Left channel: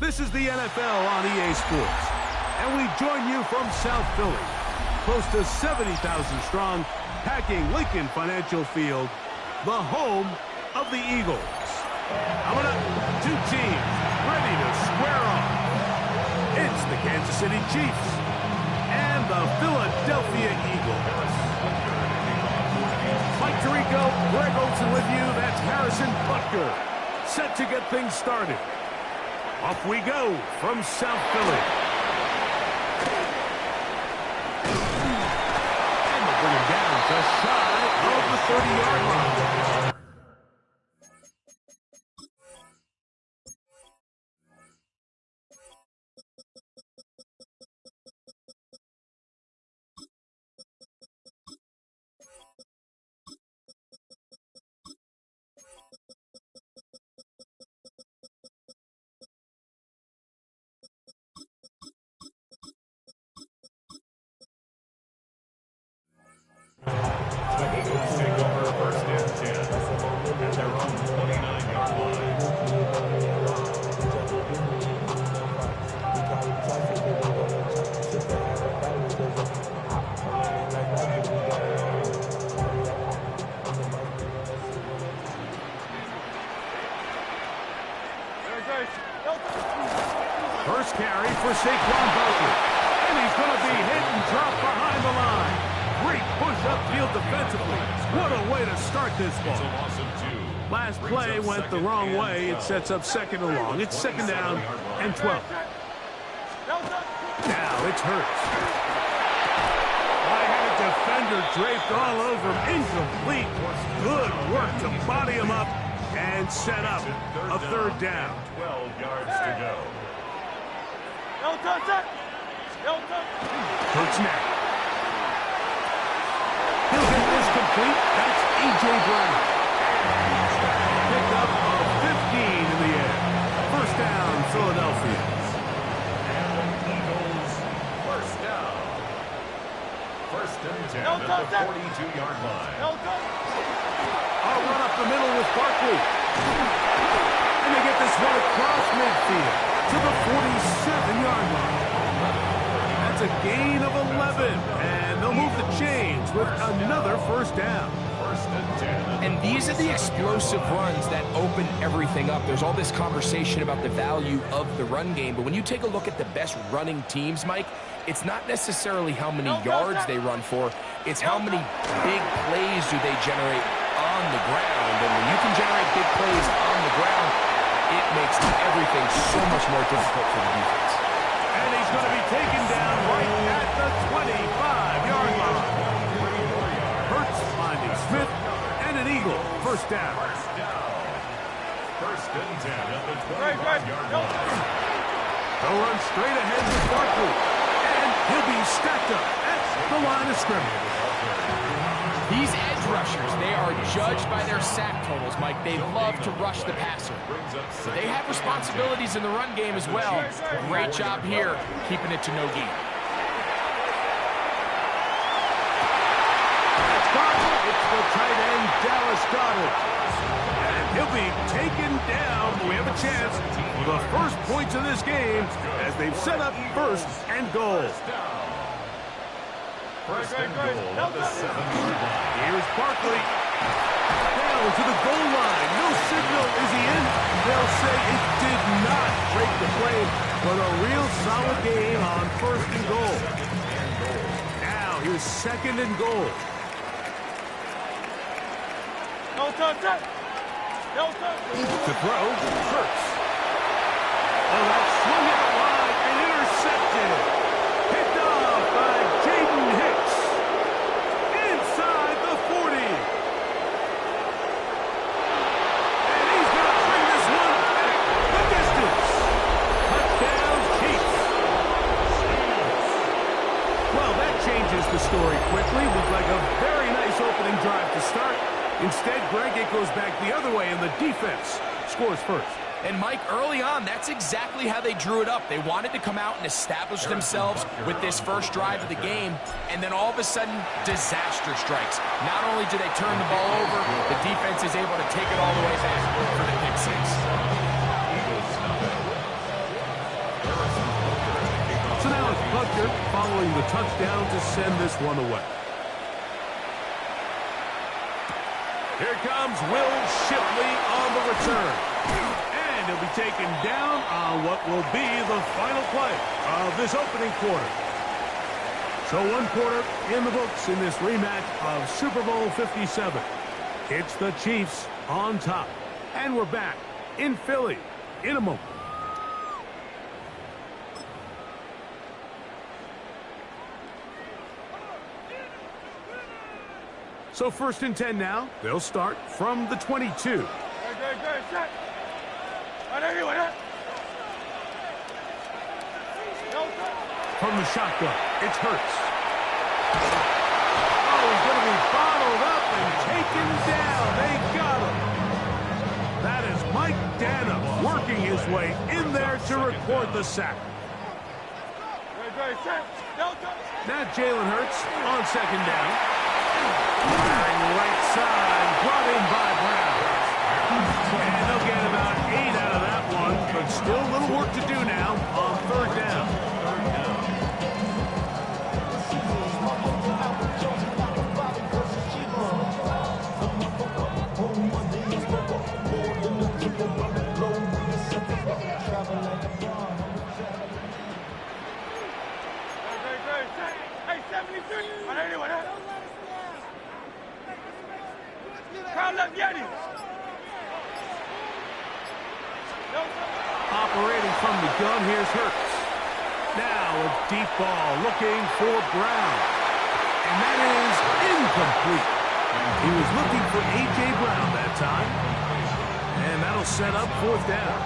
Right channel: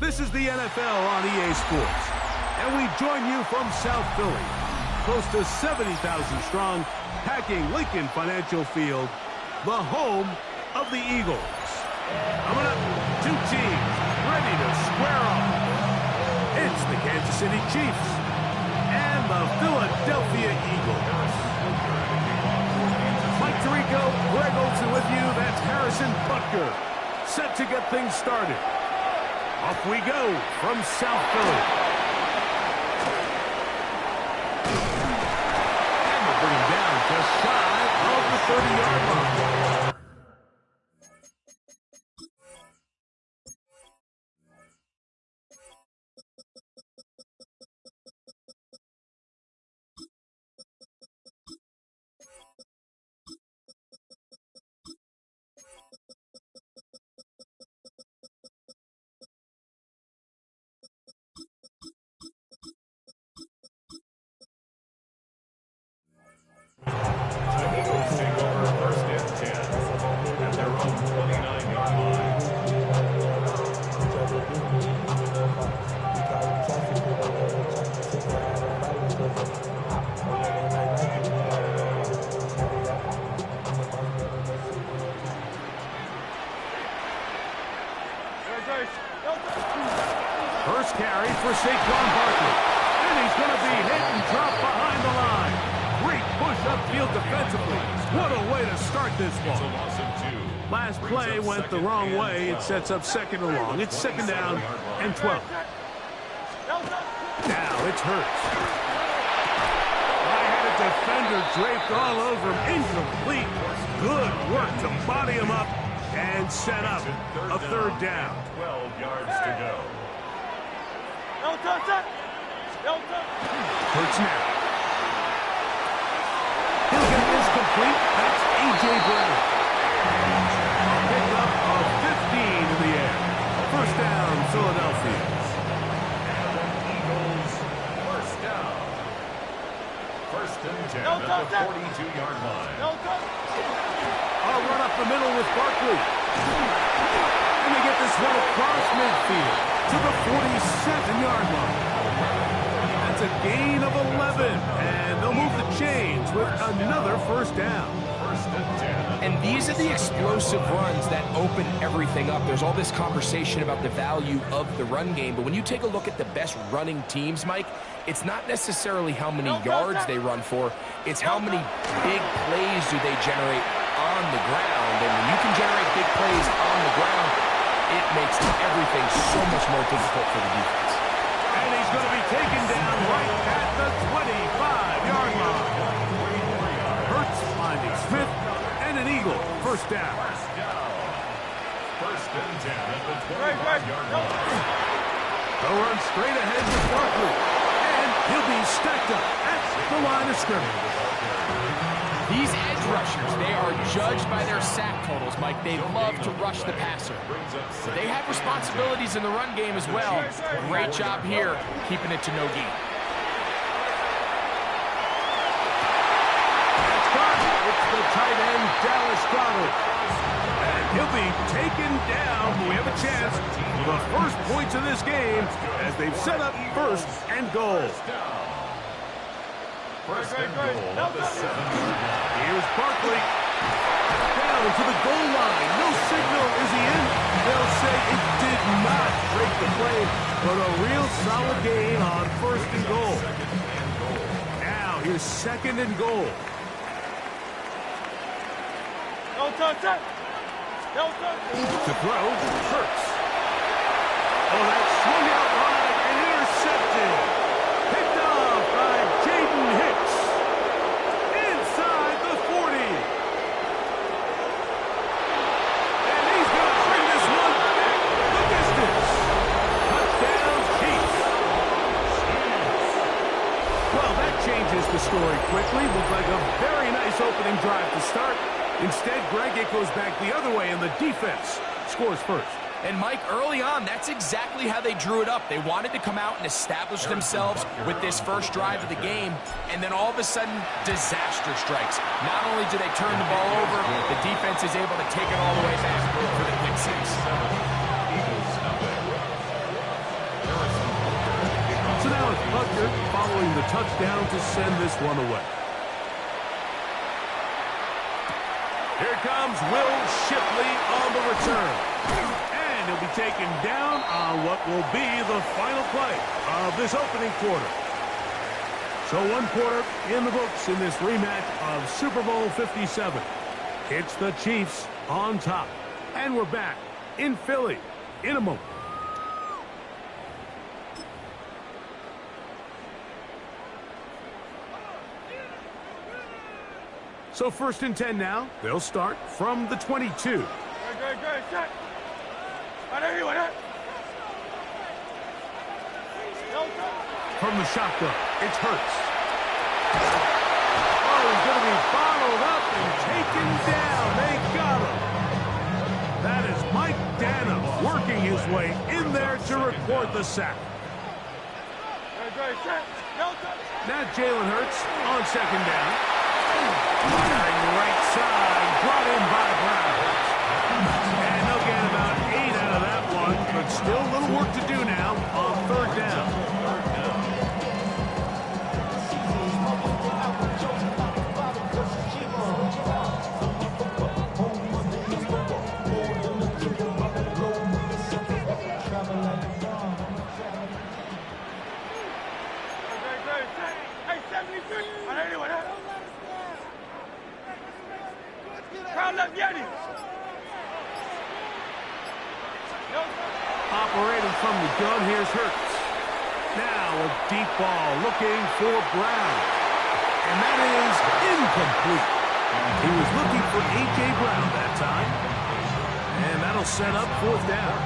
This is the NFL on EA Sports, and we join you from South Philly, close to 70,000 strong, packing Lincoln Financial Field, the home of the Eagles. Coming up, two teams ready to square off. It's the Kansas City Chiefs and the Philadelphia Eagles. Mike Tirico, Greg Olsen with you. That's Harrison Butker, set to get things started. Off we go from South Philly. And they'll bring him down just shy of the 30-yard line. The Eagles take over first and 10 at their own 29-yard line. First carry for Saquon Barkley. And he's going to be hit and dropped behind the line. Great push upfield defensively. What a way to start this ball. It's a loss of 2. Last play went the wrong way. It sets up second and long. It's second down and 12. Now it's Hurts. I had a defender draped all over him. Incomplete. Good work to body him up and set up a third down. 12 yards to go. Hurts now. He'll get this complete. That's A.J. Brown. Pickup of 15 in the air. First down, Philadelphia. And the Eagles first down. First and 10 at the 42-yard line. I'll run up the middle with Barkley. And they get this one across midfield to the 47-yard line. That's a gain of 11, and they'll move the chains with another first down. First and 10. And these are the explosive runs that open everything up. There's all this conversation about the value of the run game, but when you take a look at the best running teams, Mike, it's not necessarily how many yards they run for, it's how many big plays do they generate on the ground. And when you can generate big plays on the ground, it makes everything so much more difficult for the defense. And he's going to be taken down right at the 25-yard line. Hurts finding Smith and an Eagle. First down. First down. First and 10 at the 25-yard line. They'll run straight ahead with Barkley. And he'll be stacked up at the line of scrimmage. These edge rushers, they are judged by their sack totals, Mike. They love to rush the passer. But they have responsibilities in the run game as well. Great job here, keeping it to no gain. That's Goddard. It's the tight end, Dallas Goddard. And he'll be taken down. We have a chance for the first points of this game as they've set up first and goal. First and goal at the 7-yard line. Here's Barkley. Down to the goal line. No signal. Is he in? They'll say it did not break the play, but a real solid gain on first and goal. Now here's second and goal. To throw, Hurts. Oh, that swung out wide and intercepted. Picked off by Jaden Hicks. Inside the 40. And he's going to bring this one back the distance. Touchdown, Chiefs. Well, that changes the story quickly. Looked like a very nice opening drive to start. Instead, Greg, it goes back the other way, and the defense scores first. And Mike, early on, that's exactly how they drew it up. They wanted to come out and establish themselves with this first drive of the game, and then all of a sudden, disaster strikes. Not only do they turn the ball over, the defense is able to take it all the way back for the pick six. So now it's Butker following the touchdown to send this one away. Here comes Will Shipley on the return. And he'll be taken down on what will be the final play of this opening quarter. So one quarter in the books in this rematch of Super Bowl 57. It's the Chiefs on top. And we're back in Philly in a moment. So 1st and 10 now. They'll start from the 22. From the shotgun, it's Hurts. Oh, he's going to be bottled up and taken down. They got him. That is Mike Dana working his way in there to record the sack. Now Jalen Hurts on 2nd down. Firing right side, brought in by Brown. And they'll get about 8 out of that one, but still a little work to do now on 3rd down. Operating from the gun, here's Hurts. Now a deep ball looking for Brown. And that is incomplete. He was looking for A.J. Brown that time. And that'll set up 4th down.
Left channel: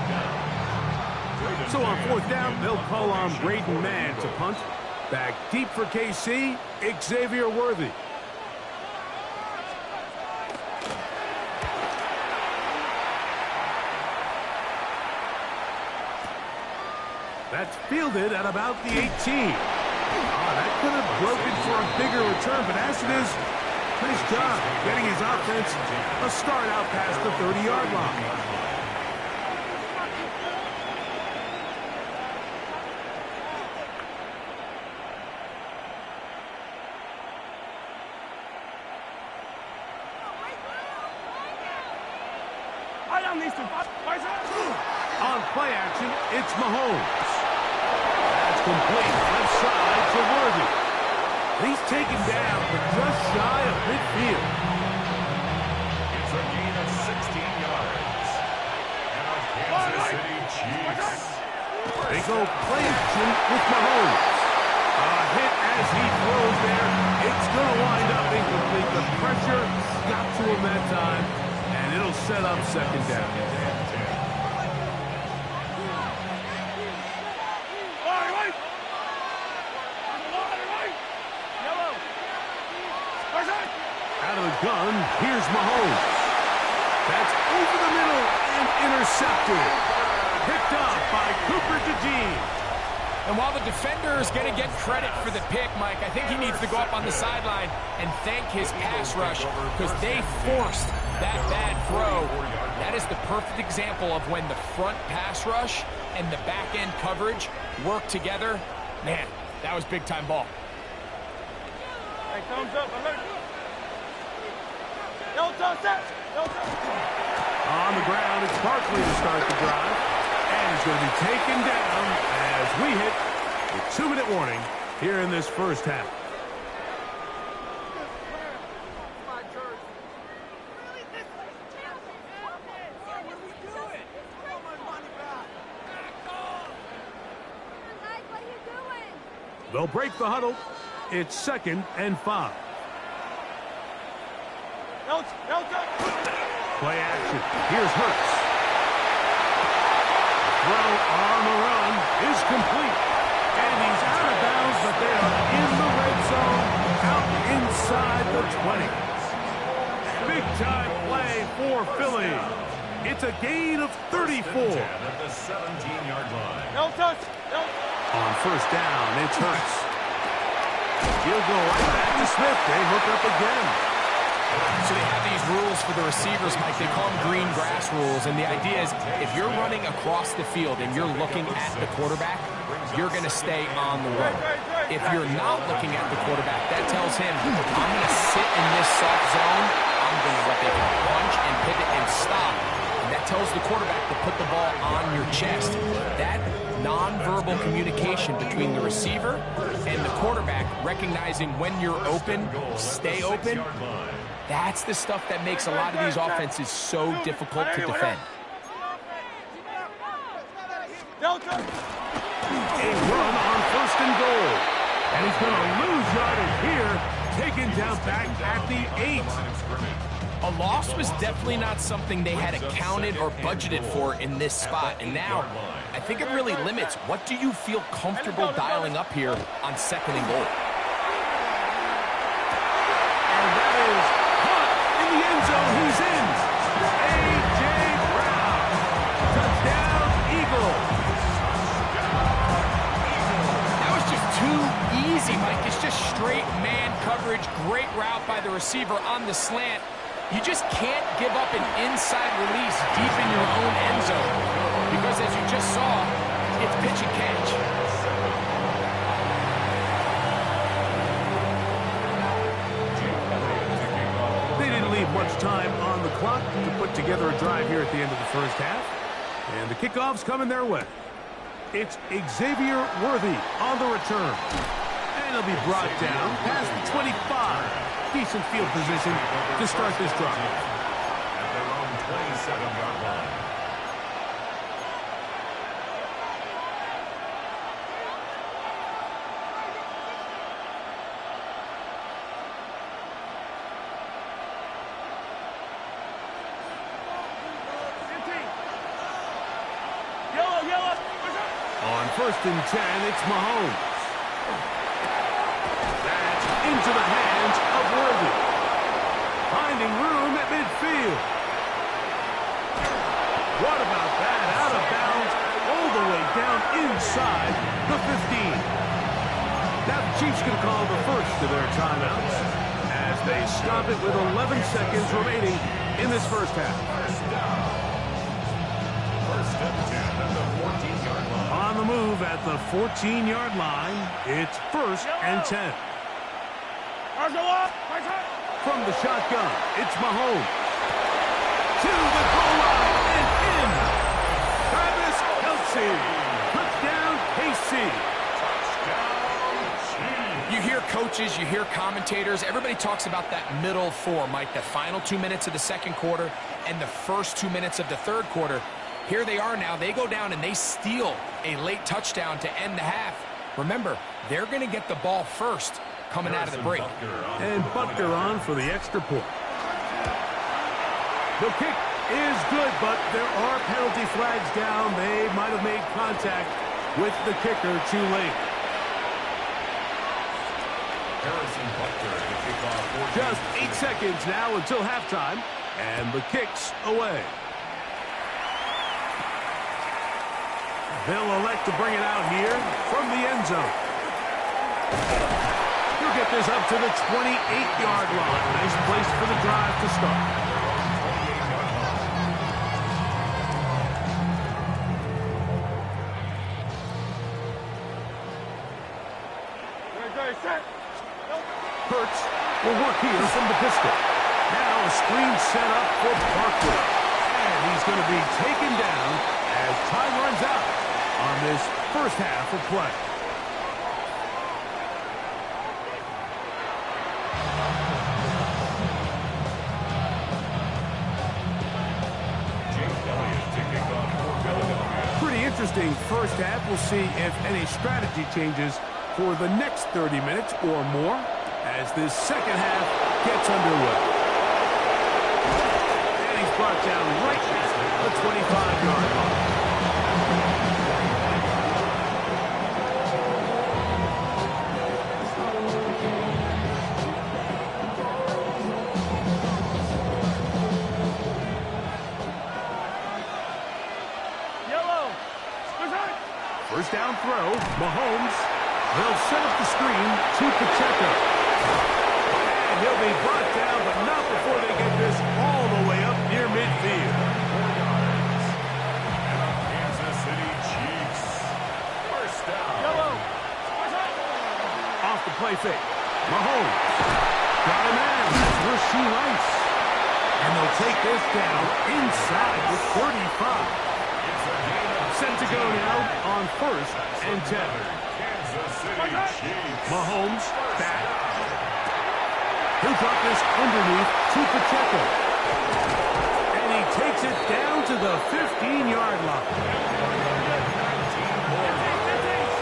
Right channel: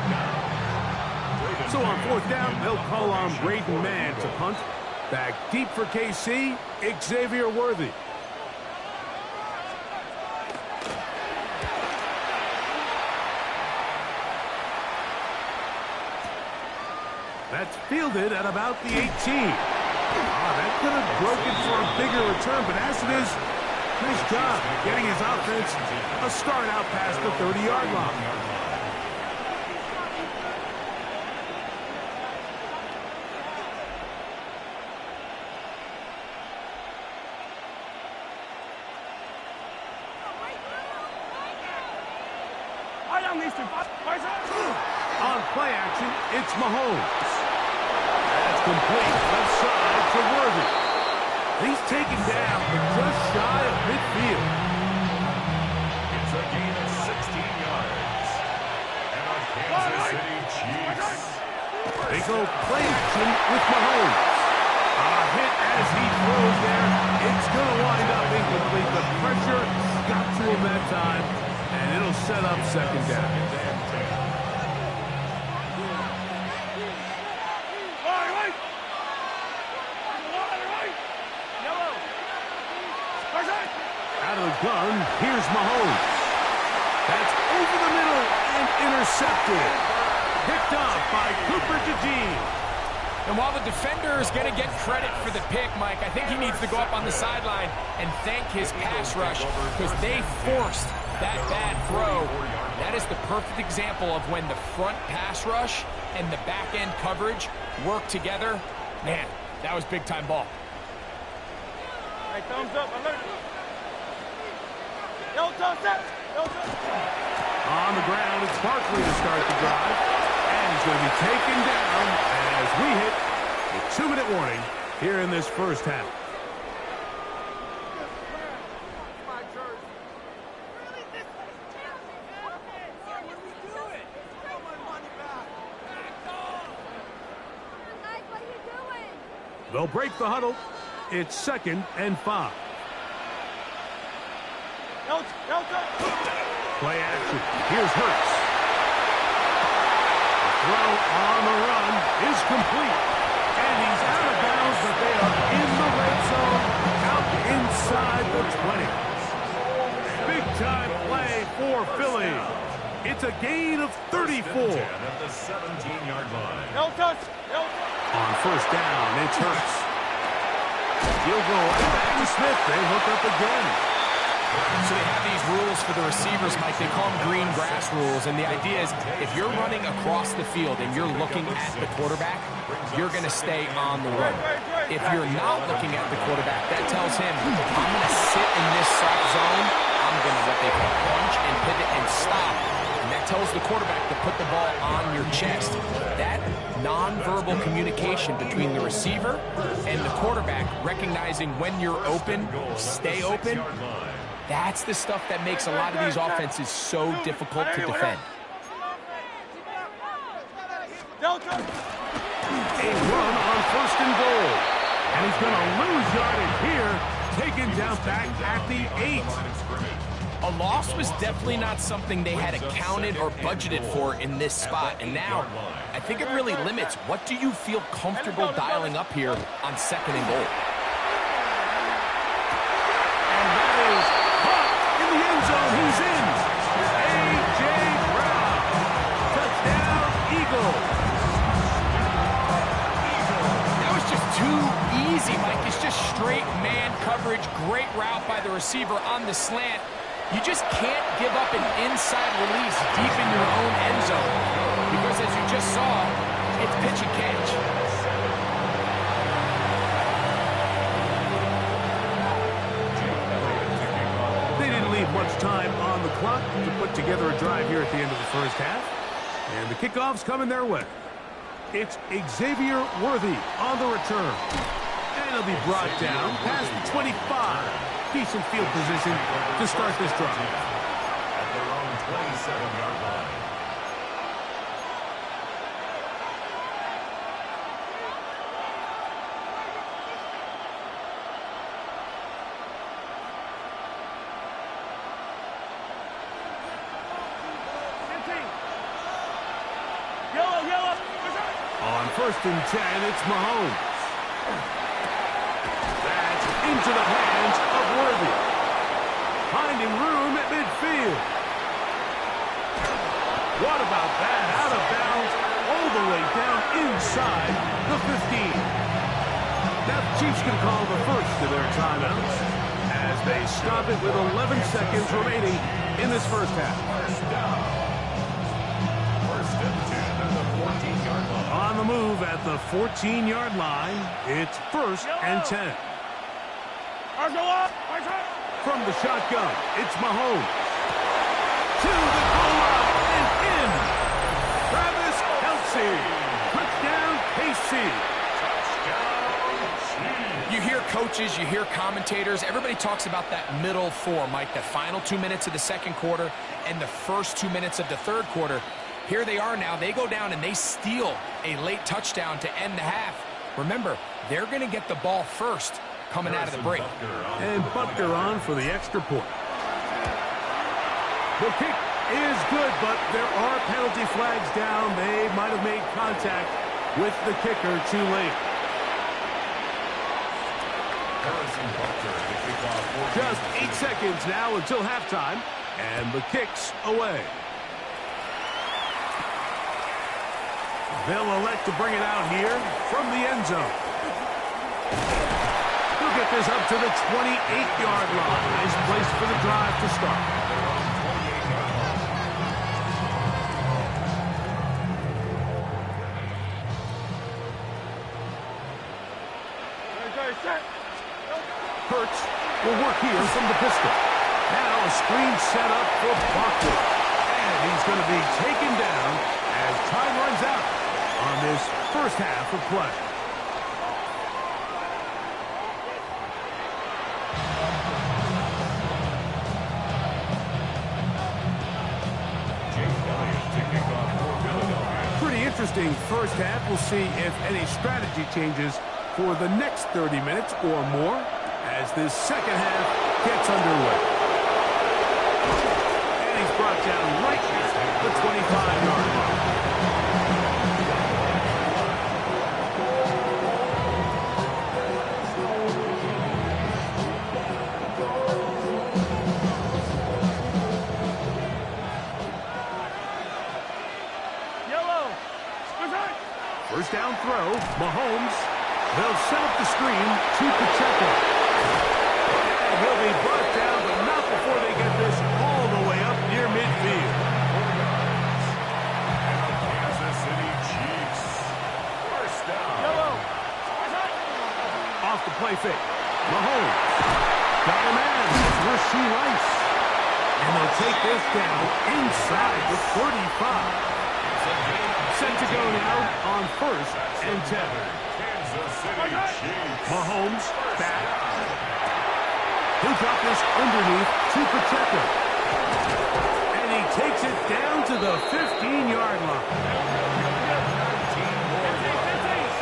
So on 4th down, they'll call on Braden Mann to punt. Back deep for KC, Xavier Worthy. That's fielded at about the 18. That could have broken for a bigger return, but as it is, nice job getting his offense a start out past the 30-yard line. On play action, it's Mahomes. That's complete, left side to Worthy. And he's taken down, but just shy of midfield. It's a gain of 16 yards. And a Kansas City Chiefs. They go play action with Mahomes. A hit as he throws there. It's going to wind up incomplete. The pressure got to him that time, and it'll set up 2nd down. Out of the gun, here's Mahomes. That's over the middle and intercepted. Picked up by Cooper DeJean. And while the defender is going to get credit for the pick, Mike, I think he needs to go up on the sideline and thank his pass rush because they forced that bad throw. That is the perfect example of when the front pass rush and the back end coverage work together. Man, that was big-time ball. Hey, thumbs up, alert. On the ground, it's Barkley to start the drive. And he's going to be taken down as we hit the 2-minute warning here in this 1st half. They'll break the huddle. It's 2nd and 5. Play action. Here's Hurts. The throw on the run is complete. And he's out of bounds, but they are in the red zone, out inside the 20. Big-time play for Philly. It's a gain of 34. At the 17-yard line. On 1st down, it's Hurts. He'll go right back to Smith. They hook up again. So they have these rules for the receivers, Mike. They call them green grass rules. And the idea is if you're running across the field and you're looking at the quarterback, you're going to stay on the run. If you're not looking at the quarterback, that tells him, I'm going to sit in this soft zone. I'm going to what they call punch and pivot and stop. And that tells the quarterback to put the ball on your chest. That nonverbal communication between the receiver and the quarterback, recognizing when you're open, stay open, that's the stuff that makes a lot of these offenses so difficult to defend. A run on 1st and goal. And he's going to lose yardage here, taken down back at the 8. A loss was definitely not something they had accounted or budgeted for in this spot. And now, I think it really limits what do you feel comfortable dialing up here on 2nd and goal. And that is caught in the end zone. He's in. A.J. Brown. Touchdown, Eagles. That was just too easy, Mike. It's just straight man coverage. Great route by the receiver on the slant. You just can't give up an inside release deep in your own end zone. Because as you just saw, it's pitch and catch. They didn't leave much time on the clock to put together a drive here at the end of the first half. And the kickoff's coming their way. It's Xavier Worthy on the return. And he'll be brought down past the 25. Decent field position to start this drive. At their own 27-yard line. On 1st and 10, it's Mahomes. That's into the hands of Worthy. Finding room at midfield. What about that? Out of bounds, all the way down inside the 15. Now the Chiefs can call the first of their timeouts as they stop it with 11 seconds remaining in this first half. First down. 1st and 10 at the 14-yard line. On the move at the 14-yard line, it's 1st and 10. From the shotgun, it's Mahomes. To the goal line and in. Travis Kelce. Touchdown, KC. Touchdown, Chiefs. You hear coaches, you hear commentators, everybody talks about that middle four, Mike, the final 2 minutes of the second quarter and the first 2 minutes of the third quarter. Here they are now. They go down and they steal a late touchdown to end the half. Remember, they're going to get the ball first coming out of the break. And Butker on for the extra point. The kick is good, but there are penalty flags down. They might have made contact with the kicker too late. Harrison Butker to kick off. Just 8 seconds now until halftime, and the kick's away. They'll elect to bring it out here from the end zone. He'll get this up to the 28-yard line. Nice place for the drive to start. Hurts will work here from the pistol. Now a screen set up for Barkley. And he's going to be taken down as time runs out on this first half of play. Jake Elliott to kick off for Philadelphia. Pretty interesting first half. We'll see if any strategy changes for the next 30 minutes or more as this second half gets underway. And he's brought down right at the 25-yard line. First down throw, Mahomes. They'll set up the screen to Pacheco. And he'll They'll be brought down, but not before they get this all the way up near midfield. 4 yards. And the Kansas City Chiefs. First down. Yellow. Off the play fake. Mahomes. Got a man. That's Rashee Rice. And they'll take this down inside the 35. It's a gain of Set to go now on 1st and 10. Kansas City Chiefs. Mahomes back. He'll drop this underneath to Pacheco. And he takes it down to the 15-yard line. 19 more yards.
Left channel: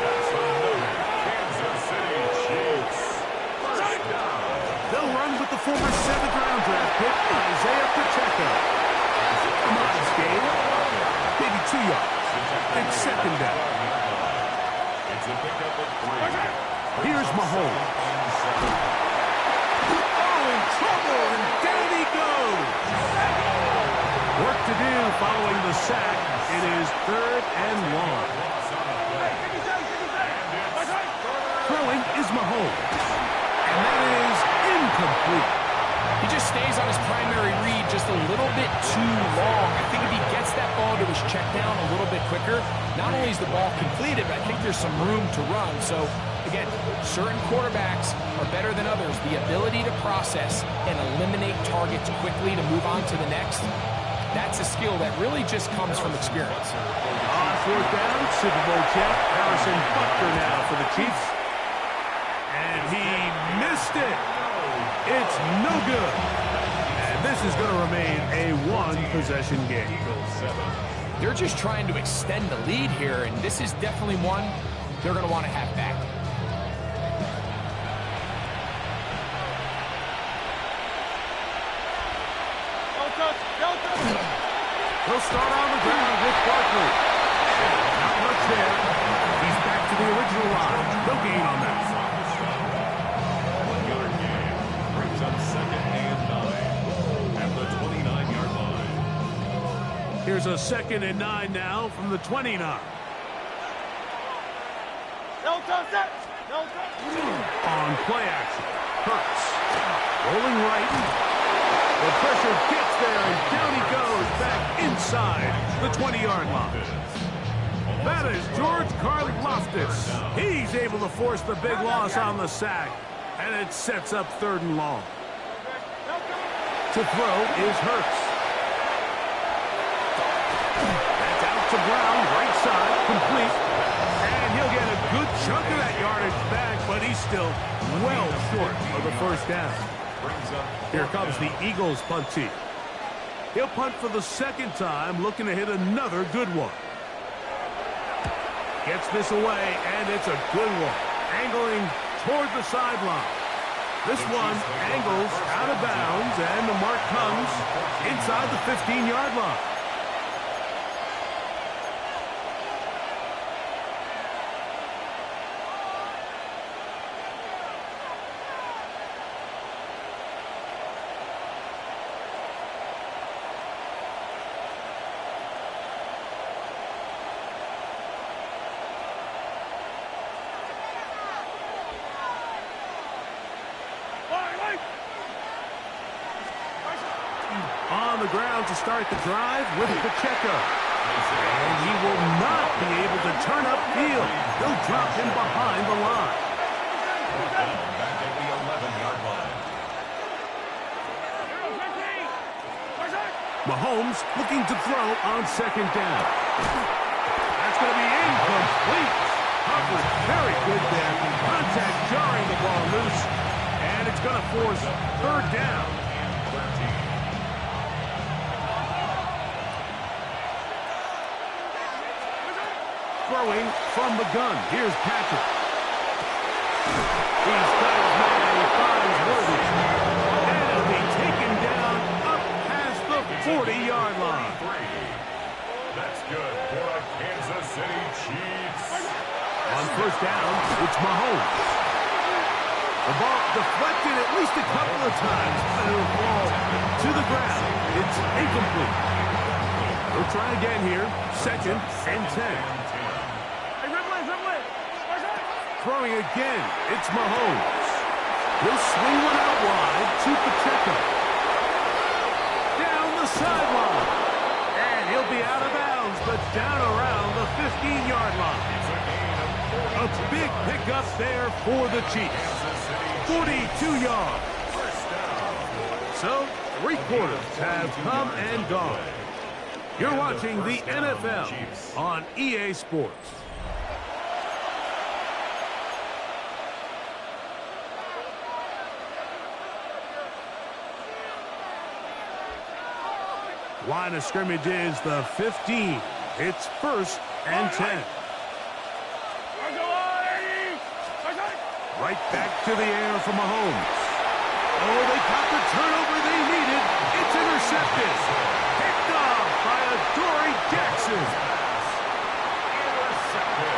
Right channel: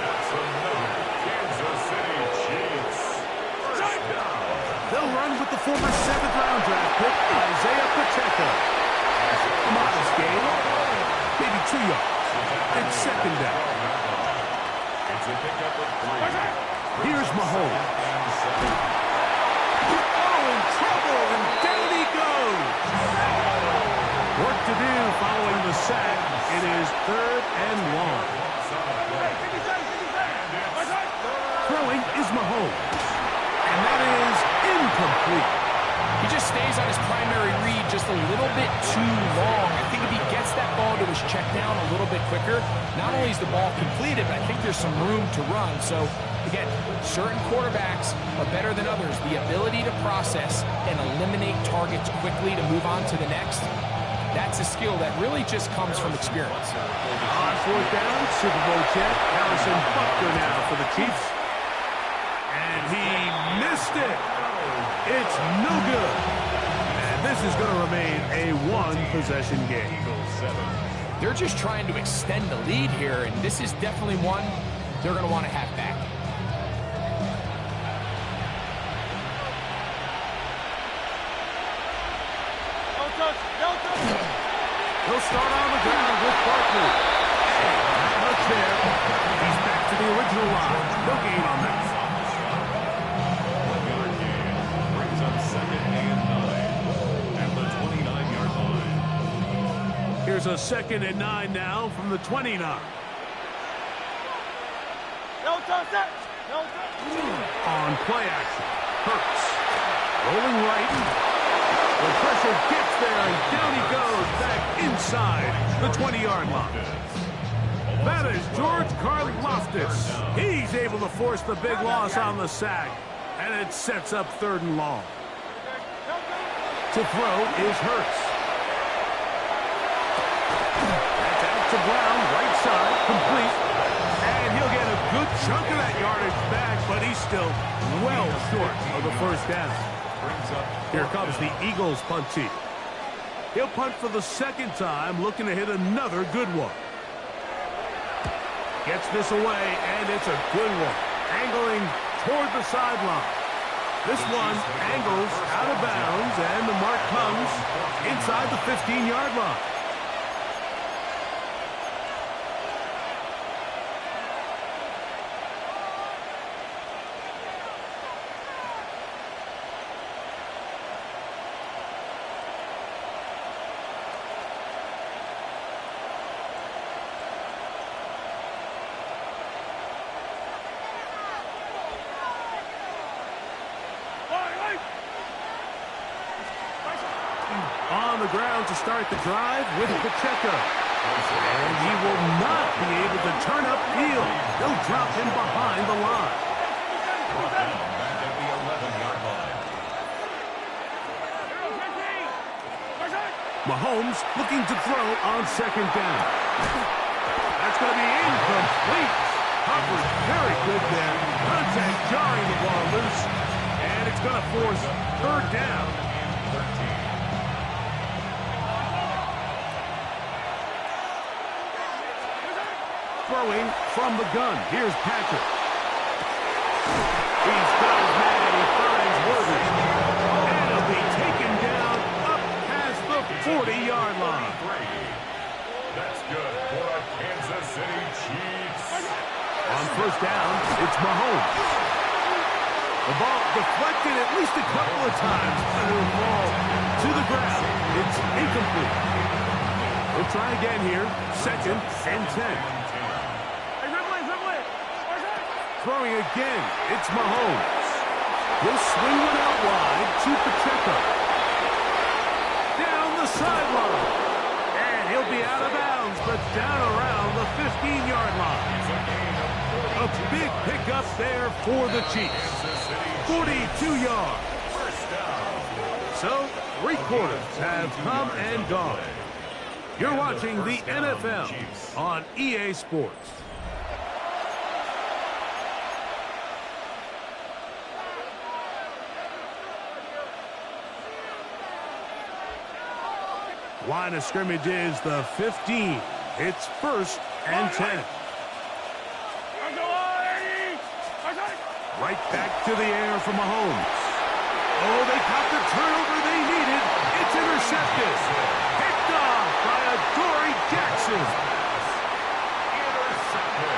That's another Kansas City Chiefs. First down. They'll run with the former 7th-round draft pick, Isaiah Pacheco. A modest gain, maybe 2 yards. It's second down. It's a pickup of 3. Here's Mahomes. Oh, in trouble, and down he goes. Work to do following the sack. It is 3rd and long. Throwing is Mahomes. And that is incomplete. He just stays on his primary read just a little bit too long. I think if he gets that ball to his check down a little bit quicker, not only is the ball completed, but I think there's some room to run. So, again, certain quarterbacks are better than others. The ability to process and eliminate targets quickly to move on to the next, that's a skill that really just comes from experience. On 4th down, Super Bowl champ Harrison Butker now for the Chiefs. And he missed it. It's no good. And this is going to remain a one-possession game. They're just trying to extend the lead here, and this is definitely one they're going to want to have back. Don't touch. Don't touch. He'll start on the ground with Barkley. Not much there. He's back to the original line. No gain on that. 1 yard gain brings up 2nd and 9 at the 29-yard line. Here's a 2nd and 9 now from the 29. Don't touch that. Don't touch. On play action, Hurts. Rolling right. The pressure gets there, and down he goes back inside the 20-yard line. That is George Karlaftis. He's able to force the big loss on the sack, and it sets up 3rd and long. To throw is Hurts. That's out to Brown, right side, complete. And he'll get a good chunk of that yardage back, but he's still well short of the 1st down. Here comes the Eagles punt team. He'll punt for the 2nd time, looking to hit another good one. Gets this away, and it's a good one. Angling toward the sideline. This one angles out of bounds, and the mark comes inside the 15-yard line. On the ground to start the drive with Pacheco. And he will not be able to turn upfield. They'll drop him behind the line. Brought down back at the 11-yard line. Mahomes looking to throw on 2nd down. That's going to be incomplete. Coverage very good there. Contact jarring the ball loose. And it's going to force 3rd down. And 13. Throwing from the gun. Here's Patrick. He's got his man. He finds Worthy. And he'll be taken down up past the 40-yard line. That's good for a Kansas City Chiefs. On 1st down, it's Mahomes. The ball deflected at least a couple of times, and it'll fall to the ground. It's incomplete. We'll try again here. 2nd and 10. Throwing again, it's Mahomes. He'll swing one out wide to Pacheco. Down the sideline. And he'll be out of bounds, but down around the 15-yard line. It's a gain of 42 A big yards. pickup there for the Chiefs. Kansas City 42 yards. First down. So, 3 quarters have come and gone. You're And the watching the first down, NFL Chiefs. on EA Sports. Line of scrimmage is the 15. It's 1st and 10. Right back to the air for Mahomes. Oh, they caught the turnover they needed. It's intercepted. Picked off by Adoree Jackson. Intercepted.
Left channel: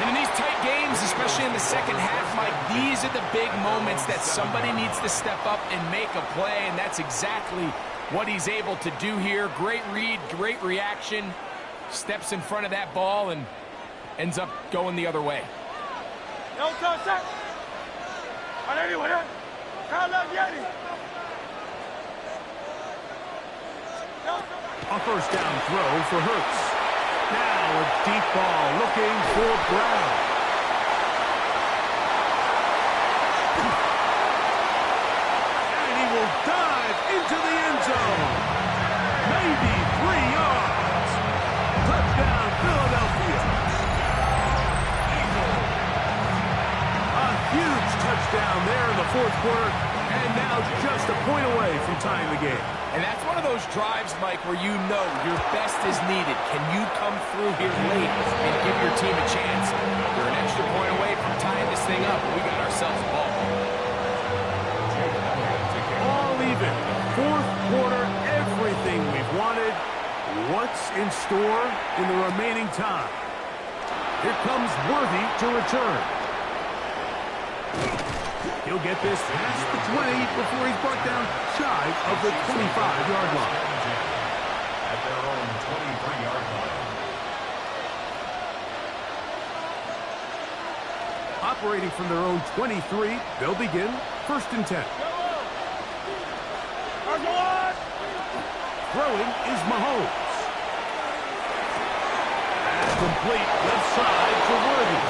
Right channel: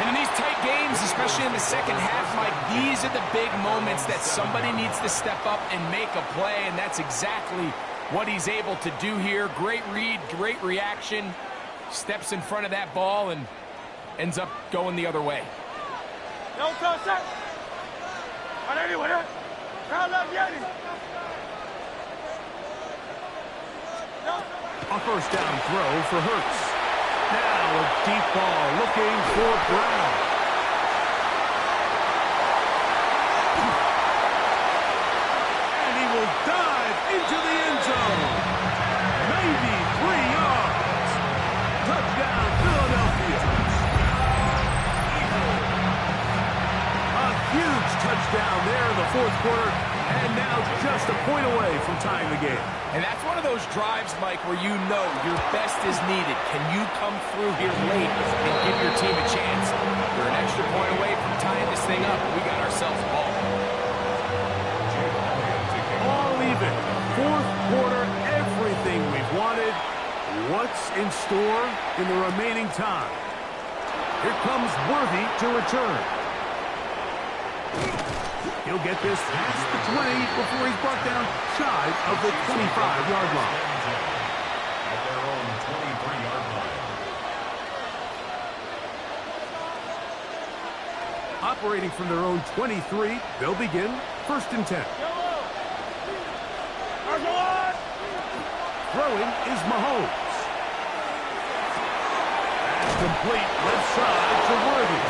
And in these tight games, especially in the second half, Mike, these are the big moments that somebody needs to step up and make a play, and that's exactly what he's able to do here. Great read, great reaction. Steps in front of that ball and ends up going the other way. A first down throw for Hurts. Now a deep ball looking for Brown. And he will dive into the end zone. Maybe 3 yards. Touchdown, Philadelphia. A huge touchdown there in the 4th quarter. And now just a point away from tying the game. And that's one of those drives, Mike, where you know your best is needed. Can you come through here late and give your team a chance? You're an extra point away from tying this thing up. We got ourselves a ball. All even. 4th quarter, everything we've wanted. What's in store in the remaining time? Here comes Worthy to return. He'll get this past the 20 before he's brought down shy of the 25-yard line. At their own 23-yard line. Operating from their own 23, they'll begin 1st and 10. Throwing is Mahomes. That's complete left side to Worthy.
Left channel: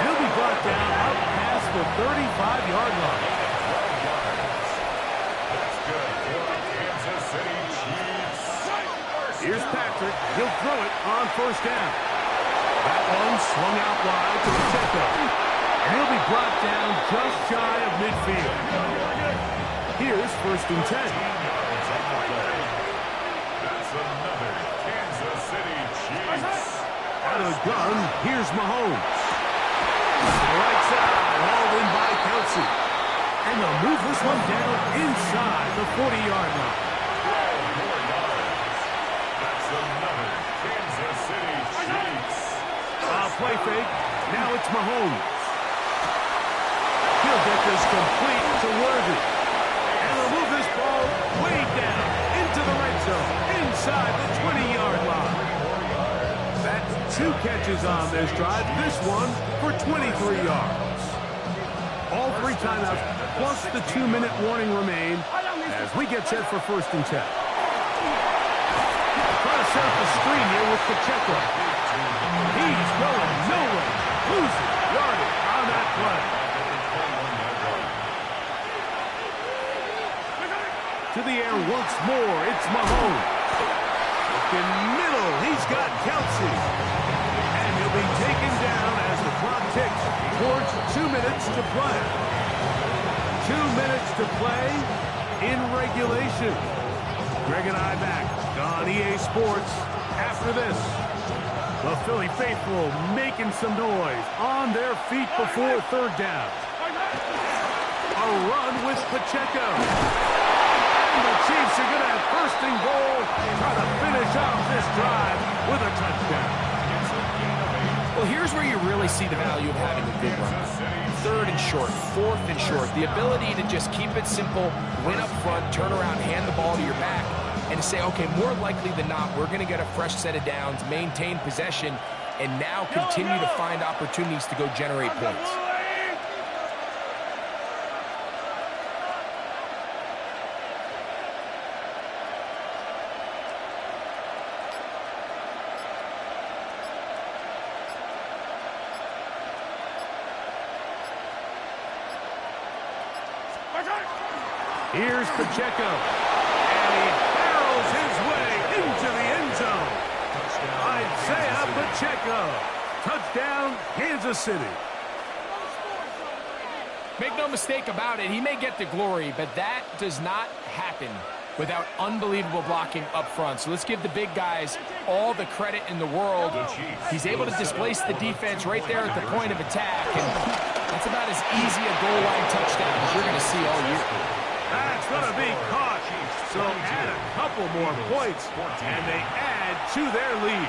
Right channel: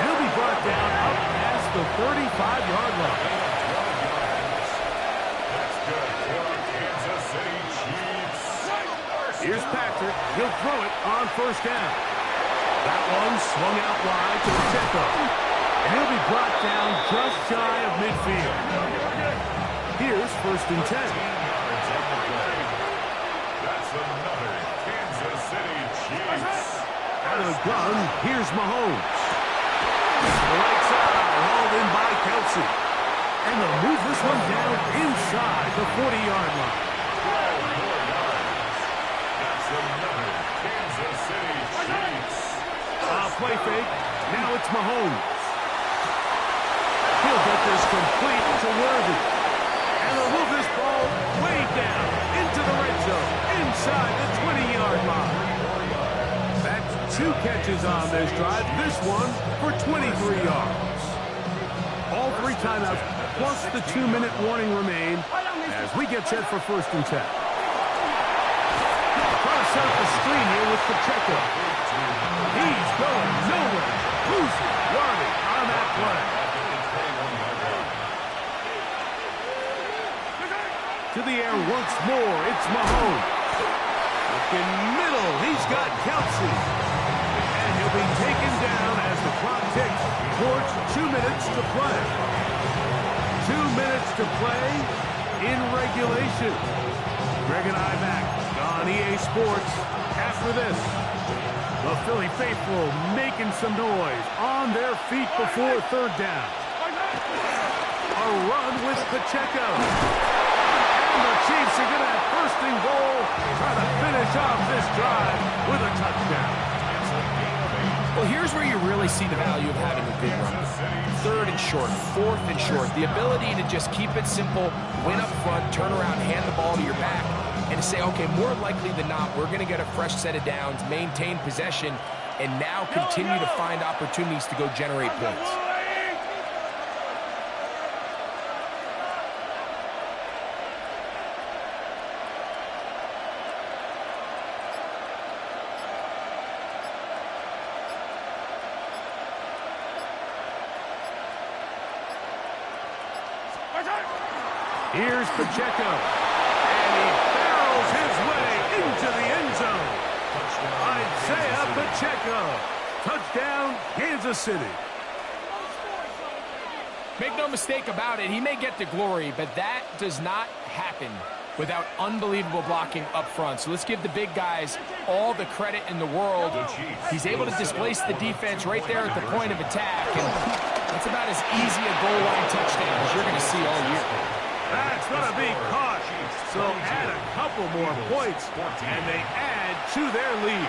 He'll be brought down up past the 35-yard line. 12 yards. That's good for the Kansas City Chiefs. Here's Patrick. He'll throw it on 1st down. That one swung out wide to Pacheco. And he'll be brought down just shy of midfield. Here's 1st and 10. 10 yards on the play. That's another Kansas City Chiefs. Out of the gun, here's Mahomes. To the right side, hauled in by Kelsey. And they'll move this one down inside the 40-yard line. 12 more yards. That's another Kansas City Chiefs. Play fake. Now it's Mahomes. He'll get this complete to Worthy. And they'll move this ball way down into the red zone, inside the 20-yard line. That's 2 catches on this drive. This one for 23 yards. All 3 timeouts, plus the 2-minute warning remain as we get set for 1st and 10. Trying to set up the screen here with Pacheco. He's going nowhere. Losing yardage on that play. To the air once more, it's Mahomes. Looking middle, he's got Kelsey. And he'll be taken down as the clock ticks towards 2 minutes to play. 2 minutes to play in regulation. Greg and I back on EA Sports after this. The Philly faithful making some noise on their feet before 3rd down. A run with Pacheco. And the Chiefs are going to have 1st and goal, try to finish off this drive with a touchdown. Well, here's where you really see the value of having a good run. 3rd and short, 4th and short. The ability to just keep it simple, win up front, turn around, hand the ball to your back, and to say, okay, more likely than not, we're going to get a fresh set of downs, maintain possession, and now continue to find opportunities to go generate points. Here's Pacheco. And he barrels his way into the end zone. Isaiah Pacheco. Touchdown, Kansas City. Make no mistake about it, he may get the glory, but that does not happen without unbelievable blocking up front. So let's give the big guys all the credit in the world. He's able to displace the defense right there at the point of attack, and that's about as easy a goal line touchdown as you're going to see all year. That's going to be caught. So add a couple more points, and they add to their lead.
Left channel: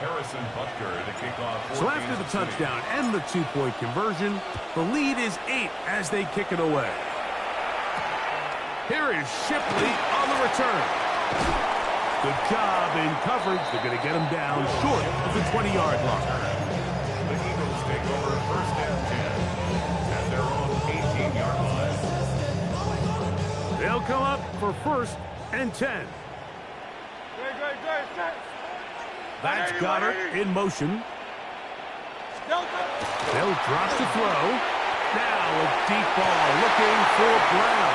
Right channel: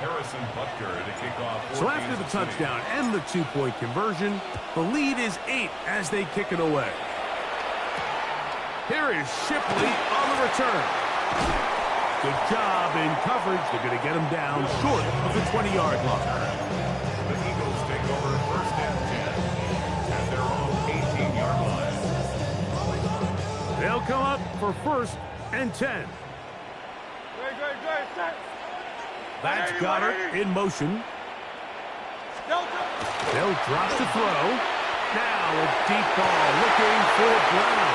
Harrison Butker to kick off. So after the touchdown and the 2-point conversion, the lead is 8 as they kick it away. Here is Shipley on the return. Good job in coverage. They're going to get him down short of the 20-yard line. The Eagles take over 1st and 10 at their own 18-yard line. They'll come up for 1st and 10. That's Goddard in motion. They'll drop to throw. Now a deep ball looking for Brown.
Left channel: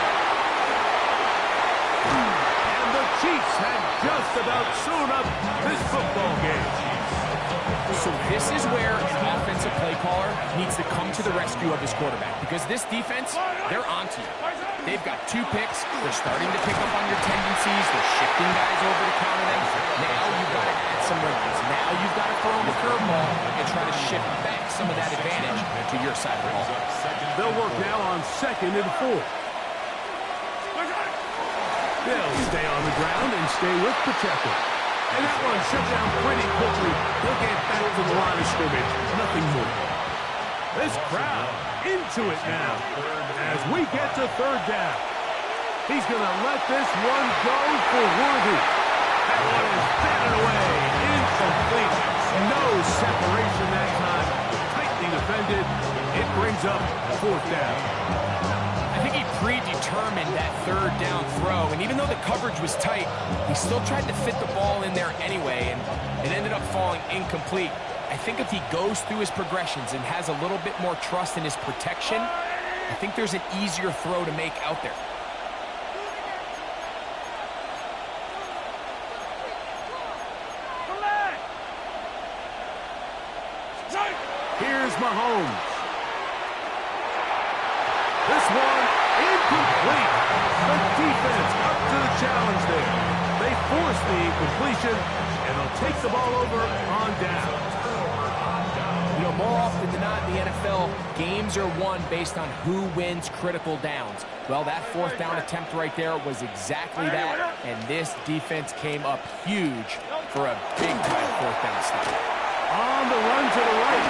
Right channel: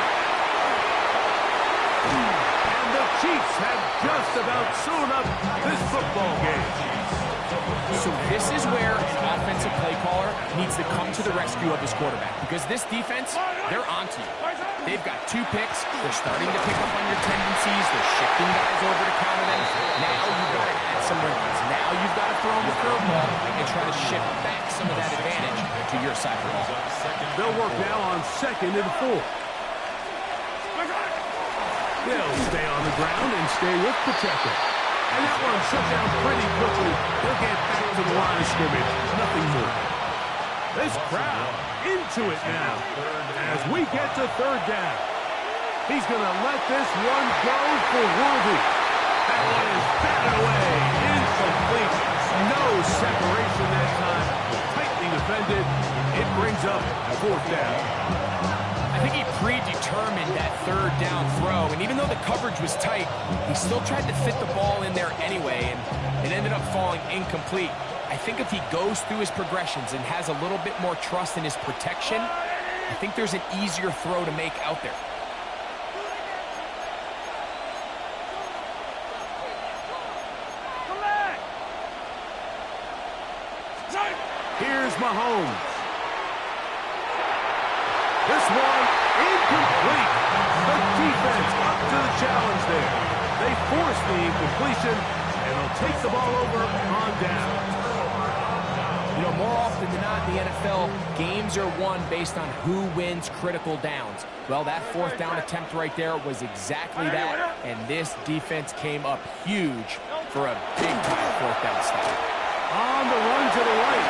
And the Chiefs have just about sewn up this football game. So this is where an offensive play caller needs to come to the rescue of his quarterback, because this defense, they're onto you. They've got 2 picks. They're starting to pick up on your tendencies. They're shifting guys over to counter them. Now you've got to add some wrinkles. Now you've got to throw them the curveball and try to shift back some of that advantage to your side of the ball. They'll work now on 2nd and 4. They'll stay on the ground and stay with Pacheco. And that one shut down pretty quickly. He'll get back to the line of scrimmage. Nothing more. This crowd into it now as we get to 3rd down. He's going to let this one go for Worthy. That one is batted away. Incomplete. No separation that time. Tightly defended. It brings up 4th down. I think he predetermined that 3rd down throw, and even though the coverage was tight, he still tried to fit the ball in there anyway, and it ended up falling incomplete. I think if he goes through his progressions and has a little bit more trust in his protection, I think there's an easier throw to make out there. Here's Mahomes. This one incomplete. The defense up to the challenge there. They force the incompletion, and they'll take the ball over on down. You know, more often than not in the NFL, games are won based on who wins critical downs. Well, that 4th down attempt right there was exactly that, and this defense came up huge for a big-time 4th down stop. On the run to the right.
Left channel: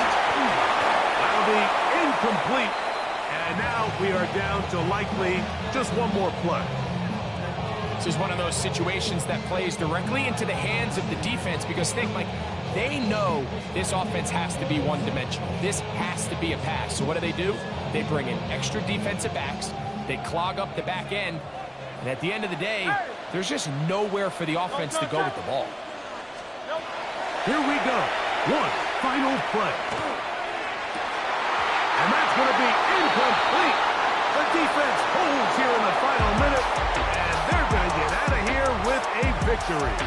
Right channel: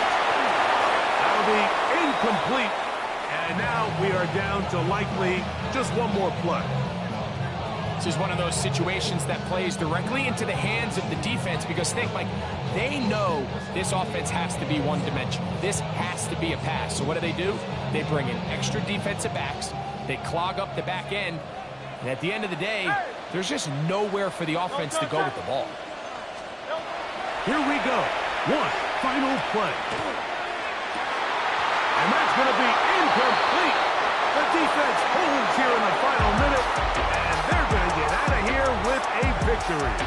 That'll be incomplete. And now we are down to likely just one more play. This is one of those situations that plays directly into the hands of the defense, because think, Mike, they know this offense has to be one-dimensional. This has to be a pass. So what do? They bring in extra defensive backs. They clog up the back end. And at the end of the day, there's just nowhere for the offense to go with the ball. Here we go. One final play. And that's going to be incomplete. The defense holds here in the final minute, and they're going to get out of here with a victory.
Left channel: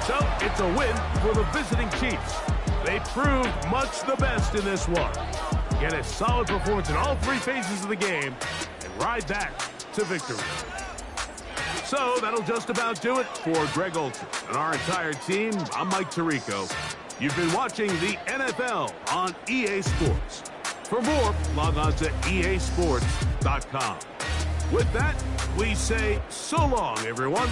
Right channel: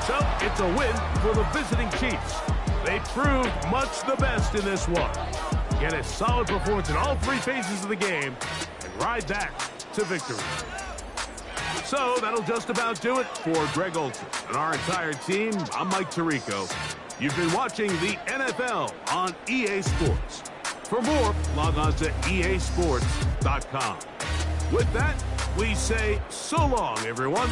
So it's a win for the visiting Chiefs. They proved much the best in this one. Get a solid performance in all 3 phases of the game and ride that to victory. So that'll just about do it for Greg Olsen and our entire team. I'm Mike Tirico. You've been watching the NFL on EA Sports. For more, log on to easports.com. With that, we say so long, everyone.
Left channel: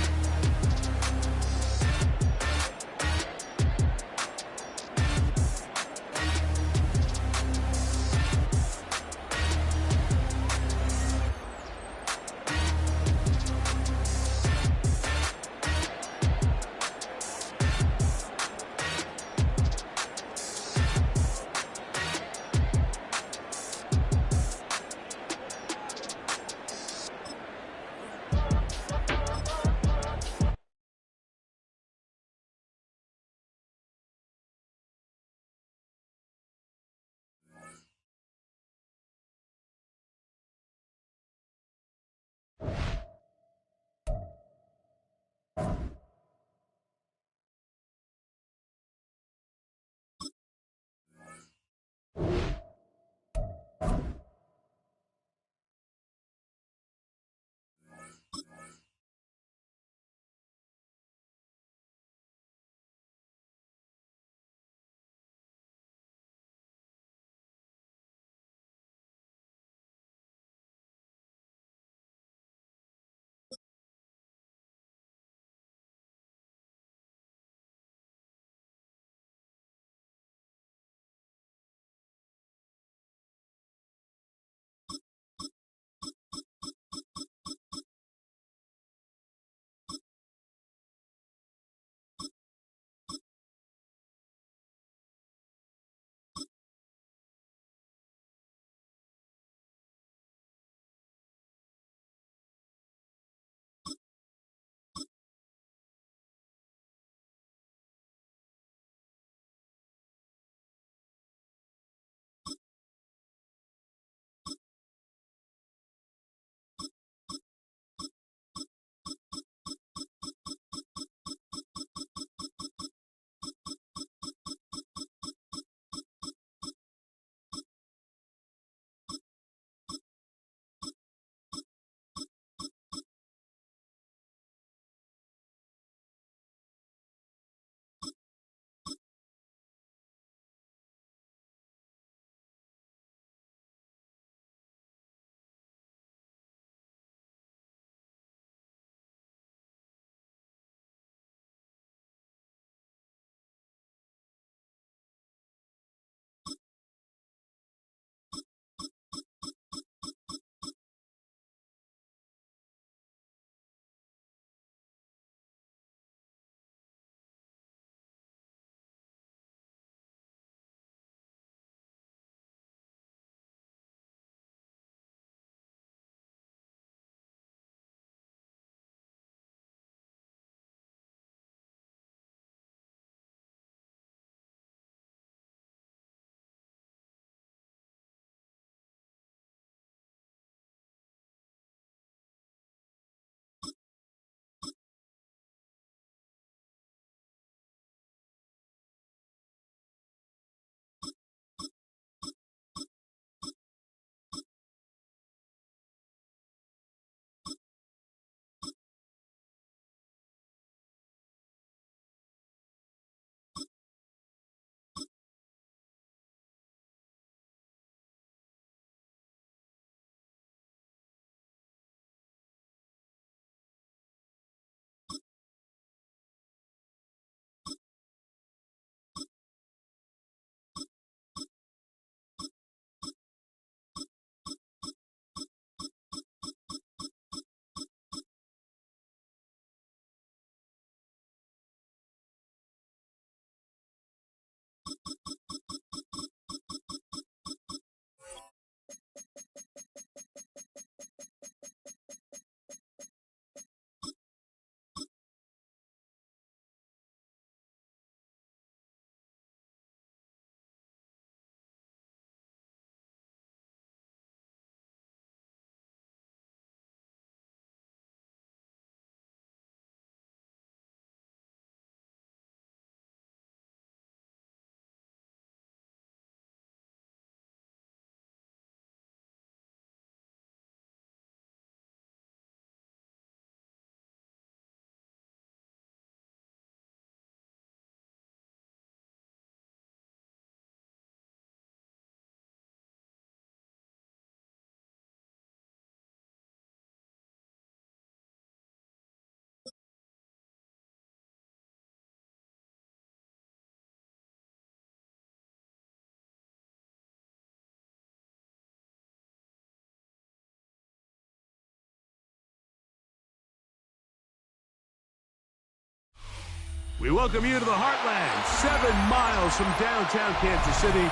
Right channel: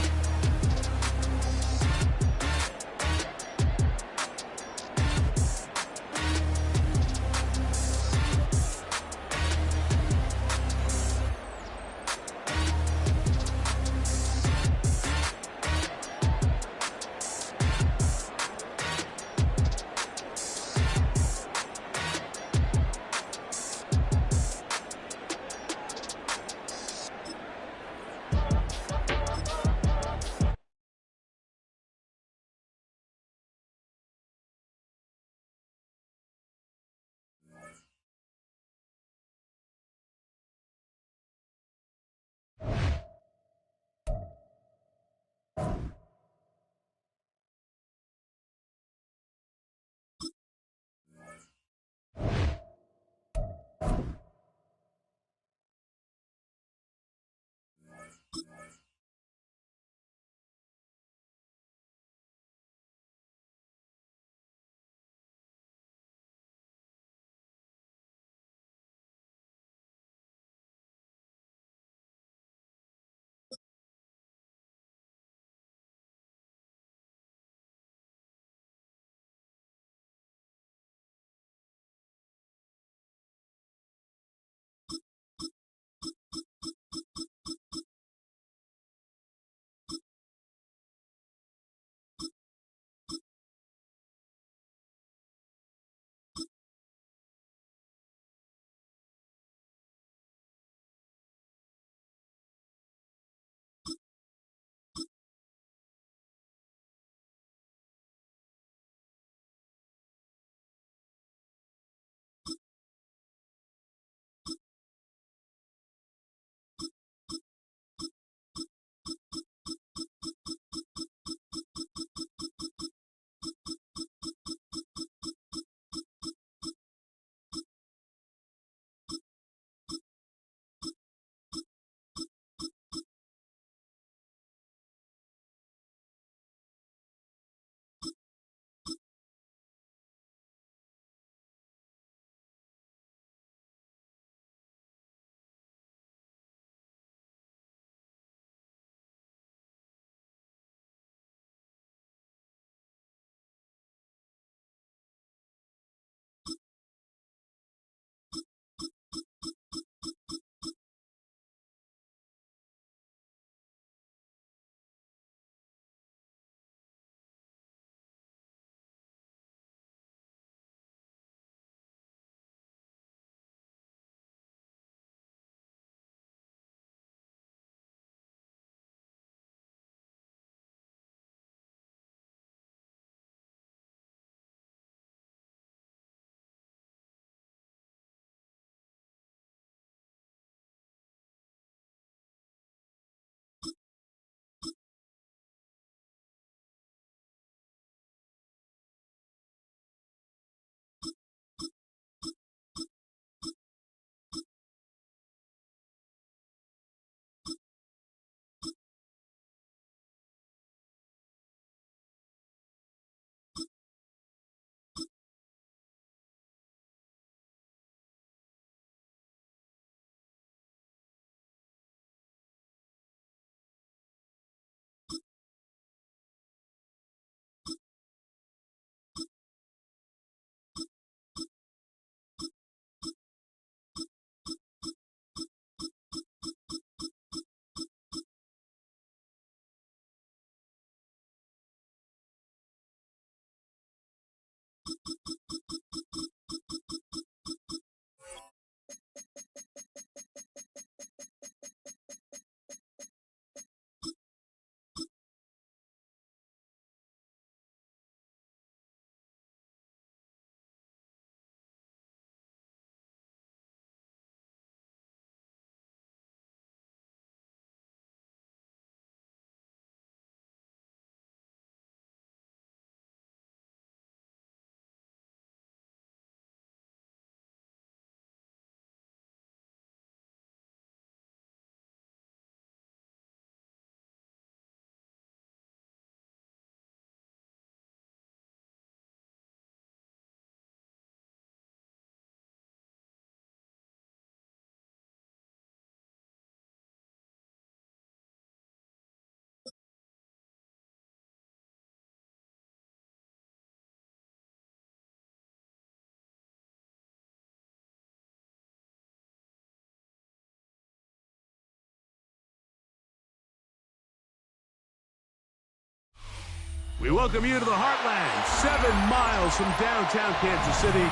We welcome you to the Heartland, 7 miles from downtown Kansas City,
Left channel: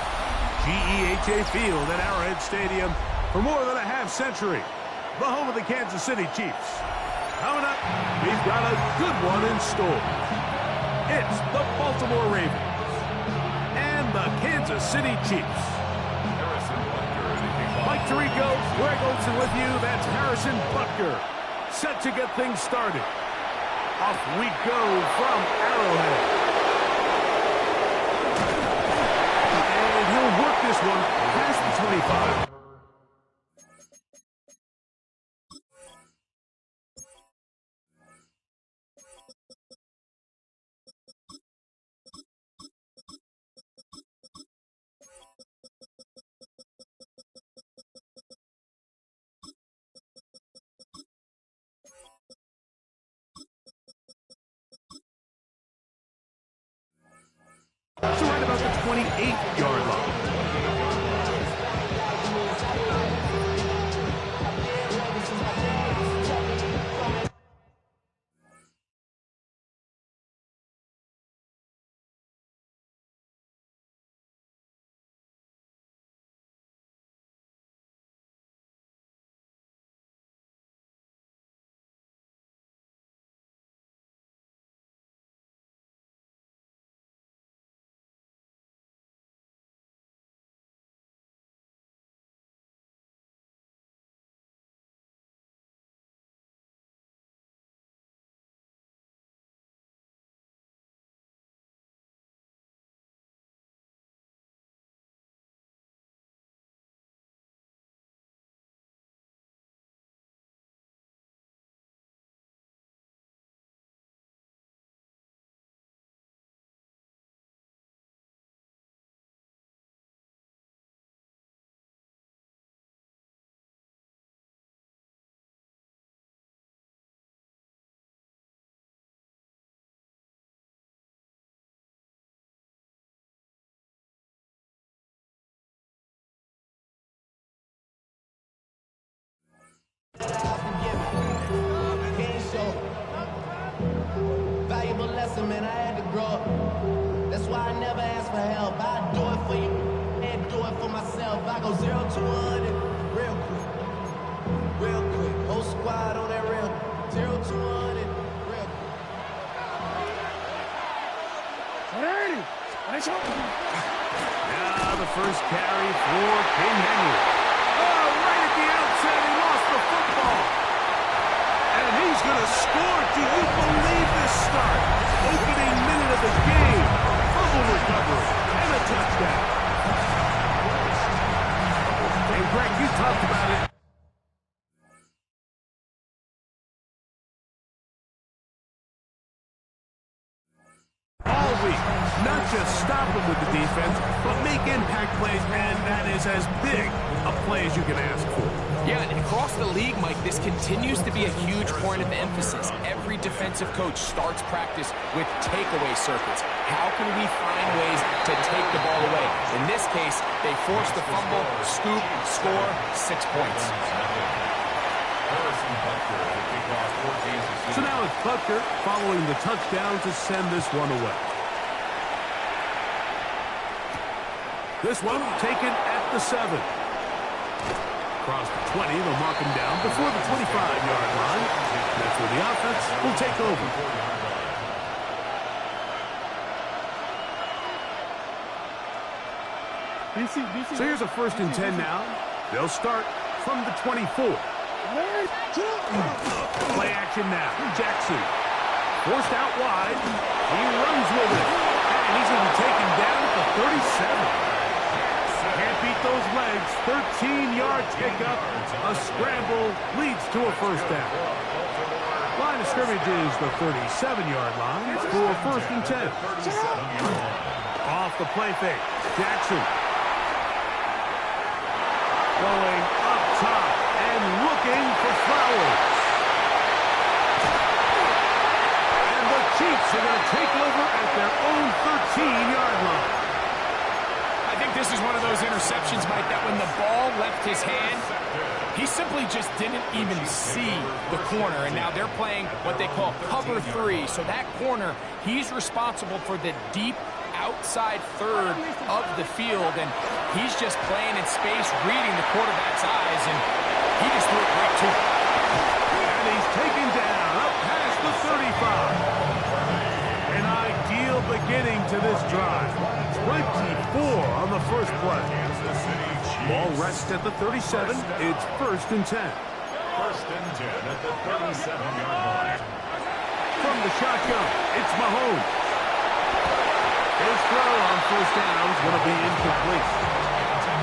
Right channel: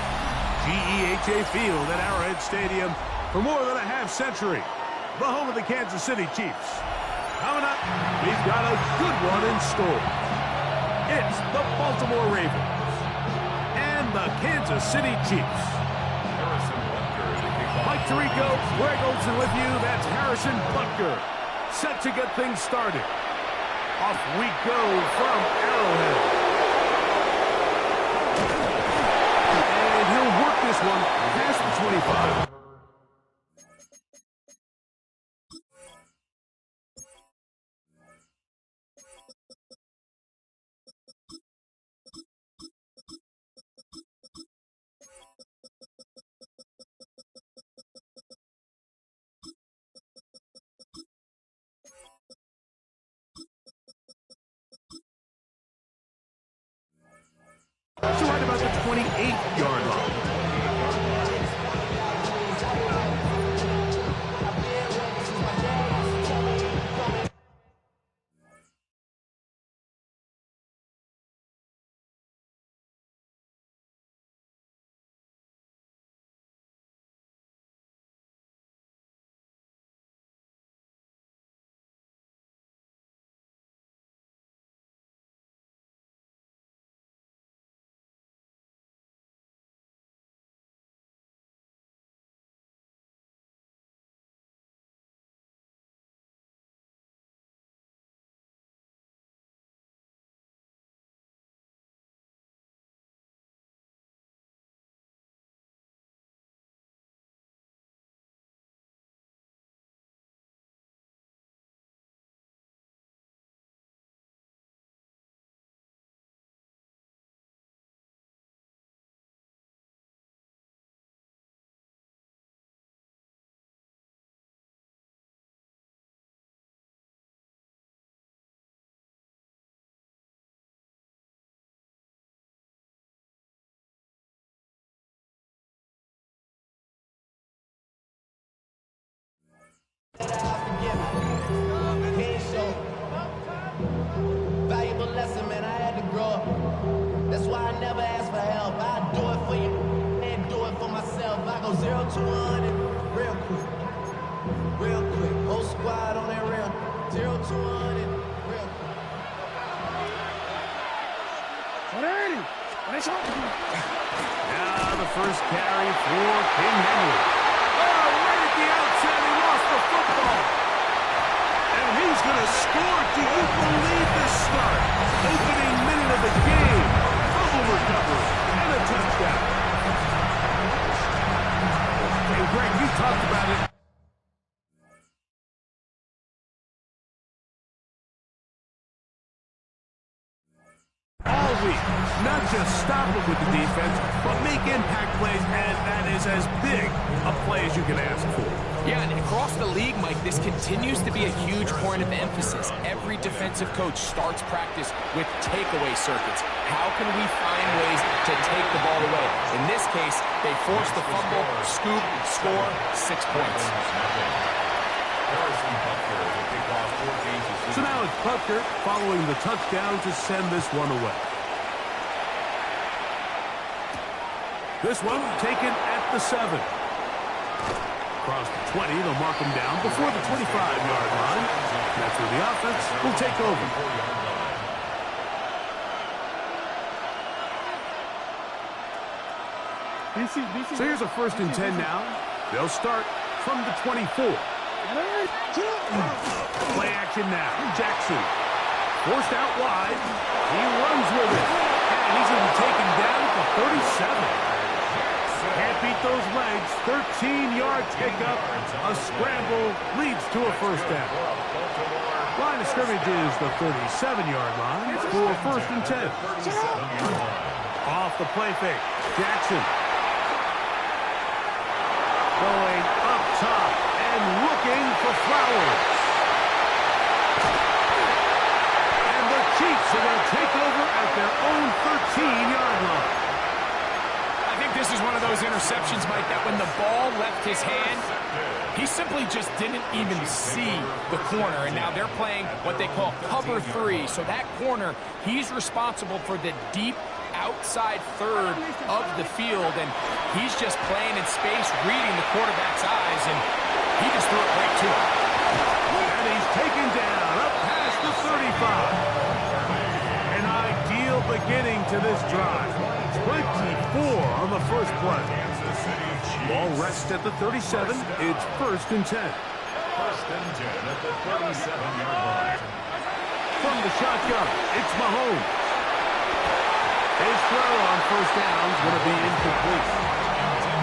GEHA Field at Arrowhead Stadium for more than a half-century, the home of the Kansas City Chiefs. Coming up, we've got a good one in store. It's the Baltimore Ravens and the Kansas City Chiefs. Harrison Butker to kick off. Mike Tirico, Greg Olsen with you. That's Harrison Butker, set to get things started. Off we go from Arrowhead. And he'll work this one past the 25. So right about the 28-yard line. Valuable lesson, man. I had to grow up. That's why I never ask for help. I do it for you and do it for myself. I go 0 to 100 real quick. Real quick. Whole squad on that real. 0 to 100 real quick. 180. Now the first carry for King Henry. Oh, right at the outset, he lost the football. And he's going to score. Do you believe this start? Opening minute of the game. Fumble recovery and a touchdown. And Greg, you talked about it. All week, not just stop them with the defense, but make impact plays, and that is as big a play as you can ask for. Yeah, and across the league, Mike, this continues to be a huge point of emphasis. Every defensive coach starts practice with takeaway circuits. How can we find ways to take the ball away? In this case, they force the fumble, scoop, score, 6 points. Harrison Butker to kick off for Kansas City. So now it's Butker following the touchdown to send this one away. This one taken at the 7. Across the 20, they'll mark him down before the 25-yard line. That's where the offense will take over. So here's a 1st and 10 now. They'll start from the 24. Play action now. Jackson forced out wide. He runs with it. And he's going to be taken down at the 37. Can't beat those legs. 13-yard pickup. A scramble leads to a 1st down. Line of scrimmage is the 37-yard line for 1st and 10. Off the play fake. Jackson going up top and looking for Flowers. And the Chiefs are going to take over at their own 13-yard line. I think this is one of those interceptions, Mike, that when the ball left his hand, he simply just didn't even see the corner. And now they're playing what they call cover 3. So that corner, he's responsible for the deep outside third of the field. And he's just playing in space, reading the quarterback's eyes. And he just threw it right to him. And he's taken down up past the 35. An ideal beginning to this drive. 24 on the first play. Ball rests at the 37. It's 1st and 10. 1st and 10 at the 37-yard line. From the shotgun, it's Mahomes. His throw on 1st down is going to be incomplete.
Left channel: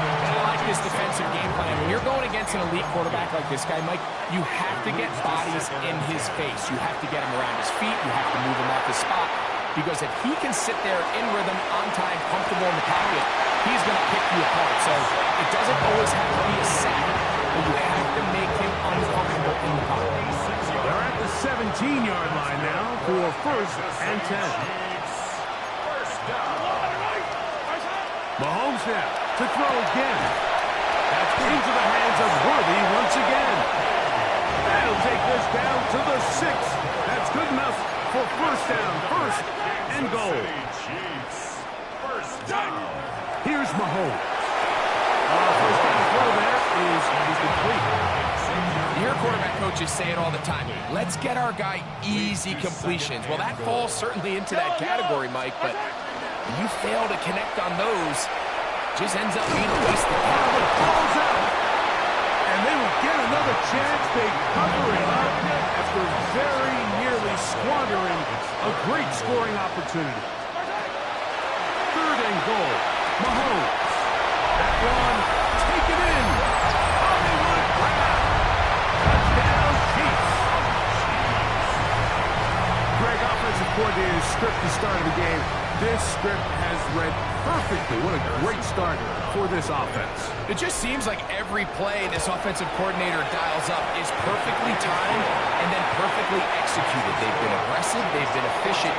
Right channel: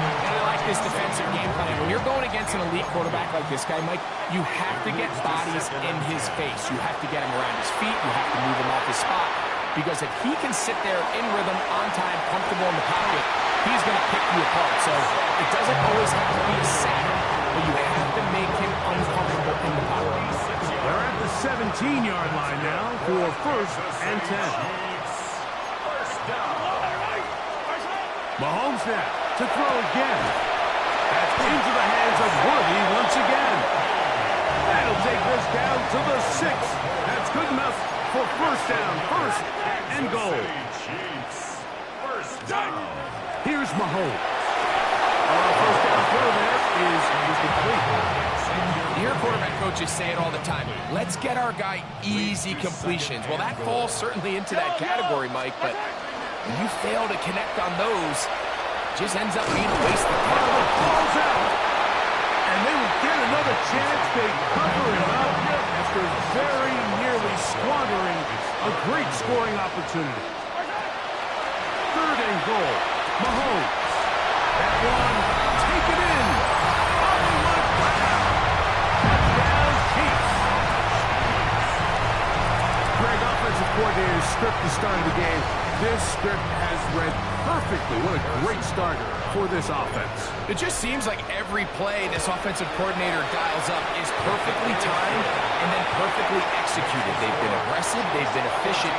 And I like this defensive game plan. When you're going against an elite quarterback like this guy, Mike, you have to get bodies in his face. You have to get him around his feet. You have to move him off his spot. Because if he can sit there in rhythm, on time, comfortable in the pocket, he's going to pick you apart. So it doesn't always have to be a sack, but you have to make him uncomfortable in the pocket. They're at the 17-yard line now for 1st and 10. First down. Mahomes now to throw again. That's into the hands of Worthy once again. That'll take this down to the 6. That's good enough for 1st down, 1st and goal. First down. Here's Mahomes. 1st down throw there is incomplete. You hear quarterback coaches say it all the time. Let's get our guy easy completions. Well, that falls certainly into that category, Mike, but when you fail to connect on those, it just ends up being a waste of time. The ball's out. And they will get another chance. They cover it up after very nearly squandering a great scoring opportunity. 3rd and goal. Mahomes. That one taken in. Hollywood Brown. Touchdown Chiefs. Greg, offensive coordinator, script the start of the game. This script has read perfectly. What a great start for this offense. It just seems like every play this offensive coordinator dials up is perfectly timed and then perfectly executed. They've been aggressive. They've been efficient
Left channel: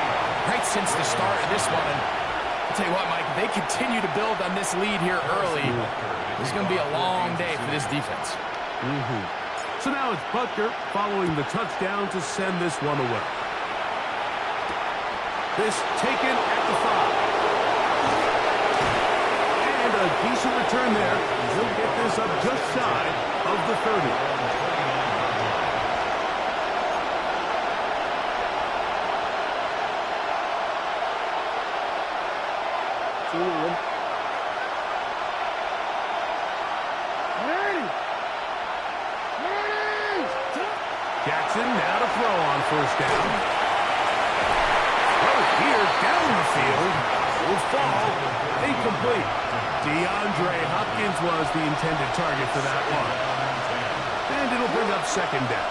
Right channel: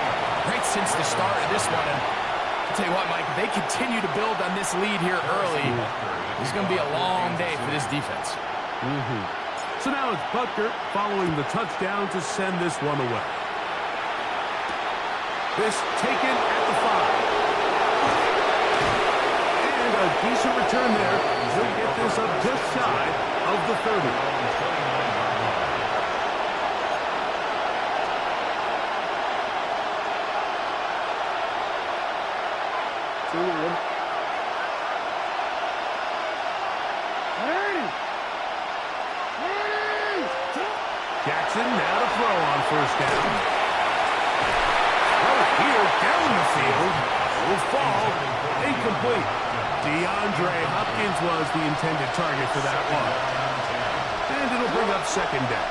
right since the start of this one. And I'll tell you what, Mike, if they continue to build on this lead here early, it's going to be a long day for this defense. So now it's Butker following the touchdown to send this one away. This taken at the 5. And a decent return there. He'll get this up just shy of the 30. Jackson now to throw on 1st down. Here down the field will fall incomplete. DeAndre Hopkins was the intended target for that one. And it'll bring up 2nd down.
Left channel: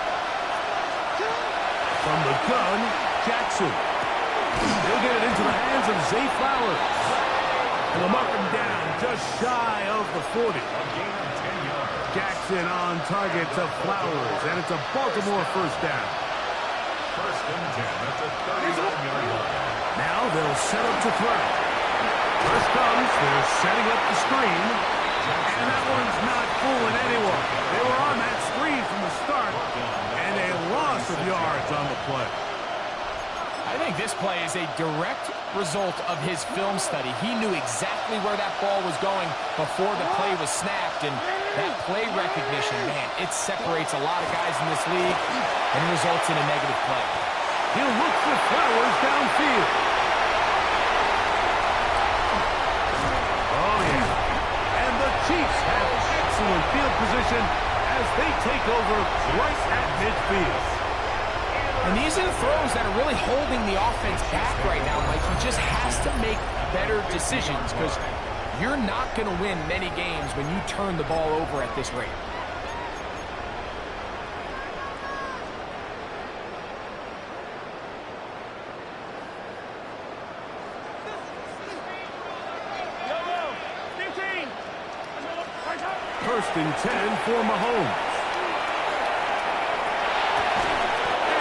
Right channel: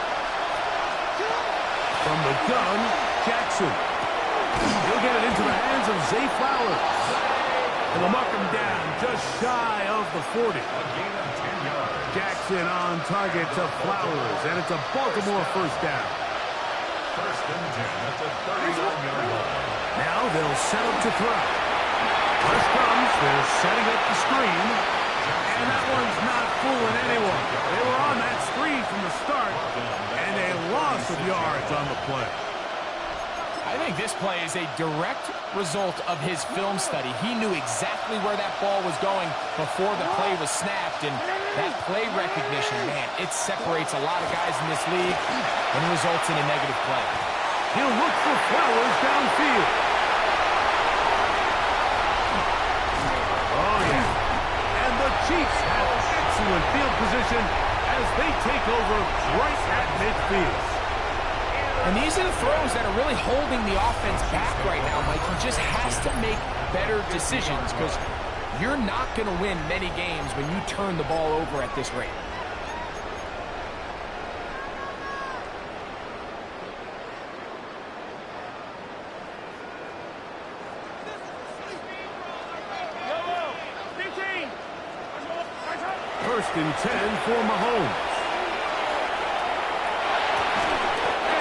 From the gun, Jackson. He'll get it into the hands of Zay Flowers. And they'll mark him down just shy of the 40. A gain of 10 yards. Jackson on target to Flowers, and it's a Baltimore 1st down. 1st and 10 at the 39-yard line. Now they'll set up to throw. First comes, they're setting up the screen. And that one's not fooling anyone. They were on that screen from the start, and a loss of yards on the play. I think this play is a direct result of his film study. He knew exactly where that ball was going before the play was snapped, and that play recognition, man, it separates a lot of guys in this league and results in a negative play. He'll look for Flowers downfield. Oh, yeah. And the Chiefs have excellent field position as they take over right at midfield. And these are the throws that are really holding the offense back right now, Mike. He just has to make better decisions because you're not going to win many games when you turn the ball over at this rate. First and 10 for Mahomes.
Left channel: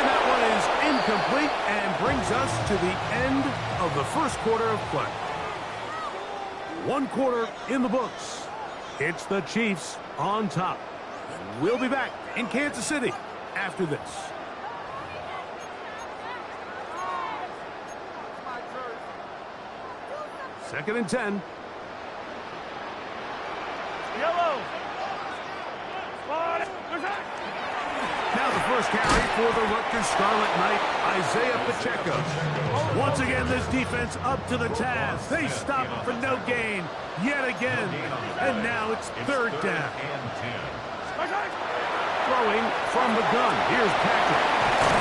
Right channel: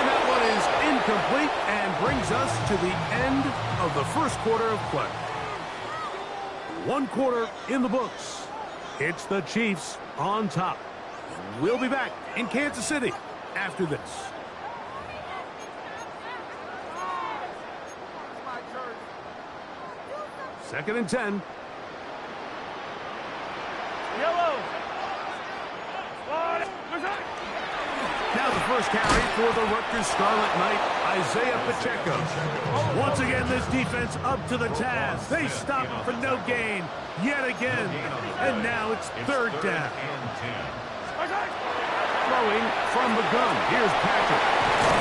And that one is incomplete and brings us to the end of the first quarter of play. One quarter in the books. It's the Chiefs on top. We'll be back in Kansas City after this. Second and 10. Yellow. Now the first carry for the Rutgers Scarlet Knight, Isaiah Pacheco. Once again, this defense up to the task. They stop him for no gain yet again. And now it's third down. Throwing from the gun. Here's Patrick.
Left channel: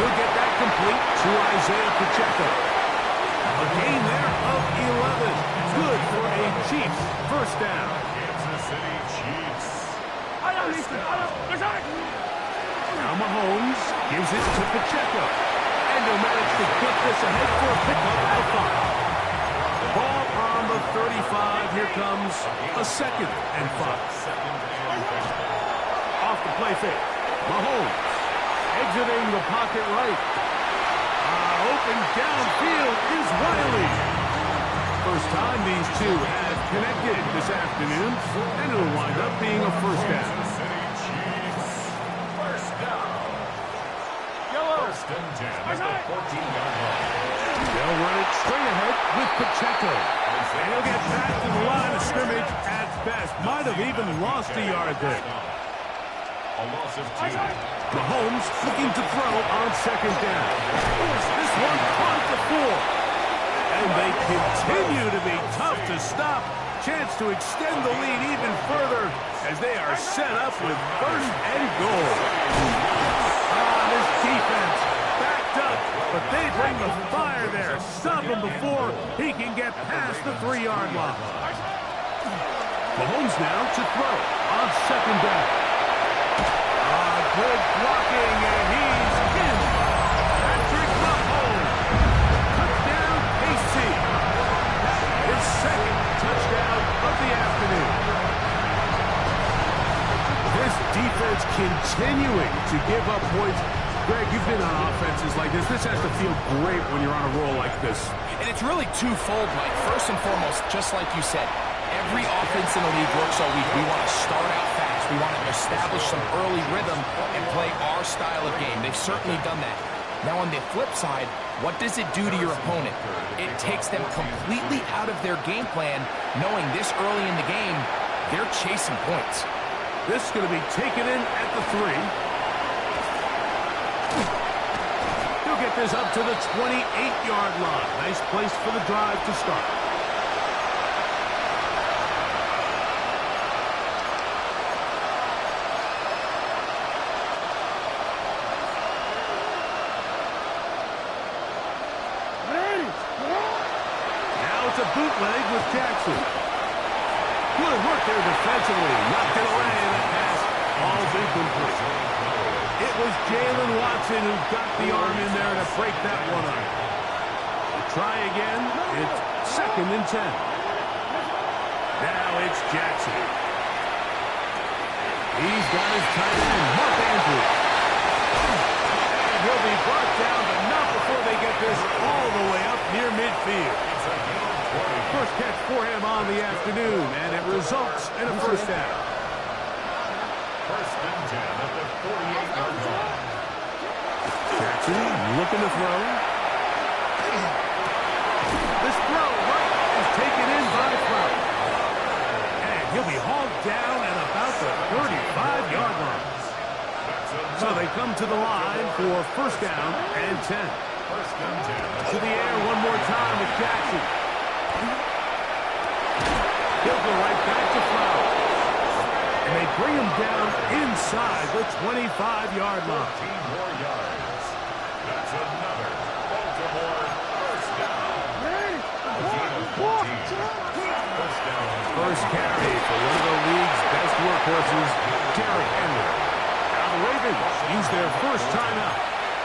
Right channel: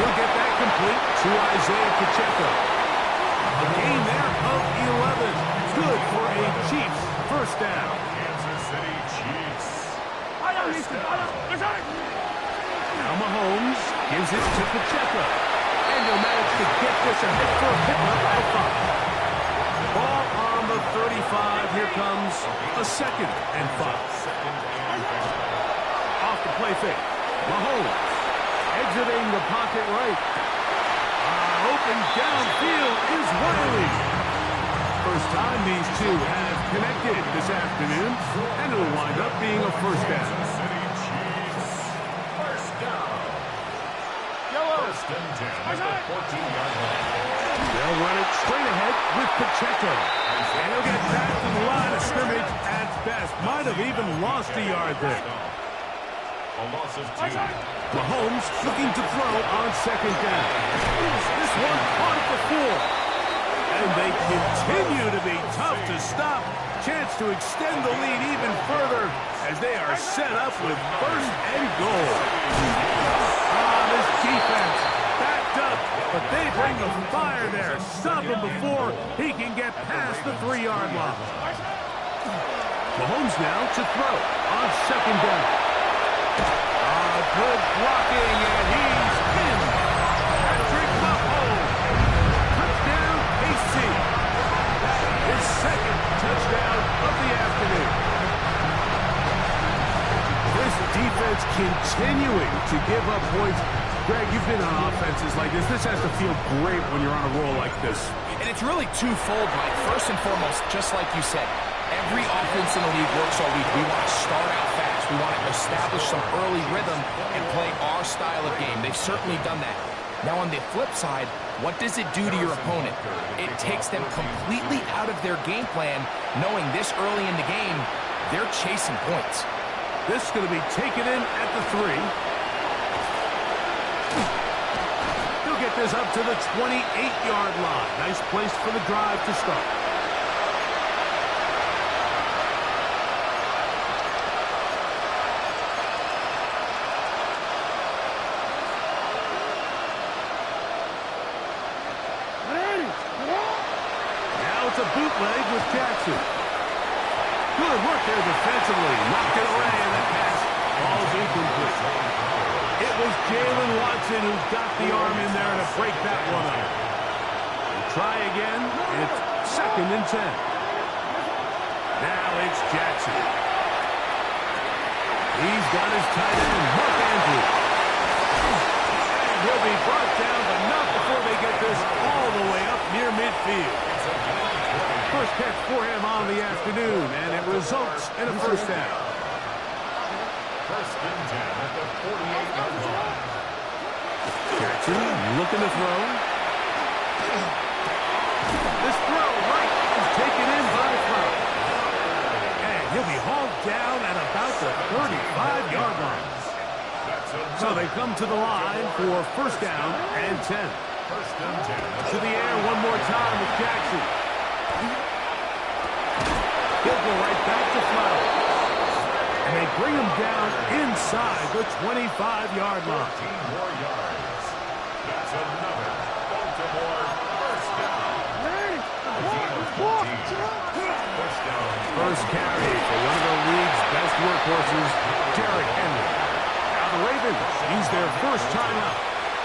He'll get that complete to Isaiah Pacheco. A gain there of 11. Good for a Chiefs first down. Kansas City Chiefs. Now Mahomes gives it to Pacheco. And he'll manage to get this ahead for a pickup of 5. Ball on the 35. Here comes a second and 5. Off the play fake. Mahomes exiting the pocket right. Open downfield is Wiley. First time these two have connected this afternoon, and it'll wind up being a first down. Kansas City Chiefs. First down. First and 10 at the 14-yard line. They'll run it straight ahead with Pacheco. And he'll get back to the line of scrimmage at best. Might have even lost a yard there. A loss of 2. Mahomes looking to throw on second down. This one caught at the 4. And they continue to be tough to stop. Chance to extend the lead even further as they are set up with first and goal. This defense backed up, but they bring the fire there. Stop him before he can get past the 3-yard line. Mahomes now to throw on second down. Good blocking, and he's in. Patrick Mahomes. Touchdown, KC. His second touchdown of the afternoon. This defense continuing to give up points. Greg, you've been on offenses like this. This has to feel great when you're on a roll like this. And it's really twofold, Mike. First and foremost, just like you said, every offense in the league works all week. We want to start out fast. We want to establish some early rhythm and play our style of game. They've certainly done that. Now on the flip side, what does it do to your opponent? It takes them completely out of their game plan, knowing this early in the game, they're chasing points. This is going to be taken in at the 3. He'll get this up to the 28-yard line. Nice place for the drive to start. A bootleg with Jackson. Good work there defensively. Knocked it away, and that pass falls incomplete. It was Jalen Watson who got the arm in there to break that one up. We'll try again. It's second and 10. Now it's Jackson. He's got his tight end, Mark Andrews. And he'll be brought down, but not before they get this all the way up near midfield. First catch for him on the afternoon, and it results in a first down. First and 10 at the 48-yard line. Jackson looking to throw. This throw right is taken in by Flowers. And he'll be hauled down at about the 35-yard line. So they come to the line for first down and 10. First and 10. To the air one more time with Jackson. He'll go right back to Flowers. And they bring him down inside the 25-yard line. 14 more yards. That's another Baltimore first down. A gain of 14. First down. First carry for one of the league's best workhorses, Derrick Henry. Now the Ravens use their first timeout.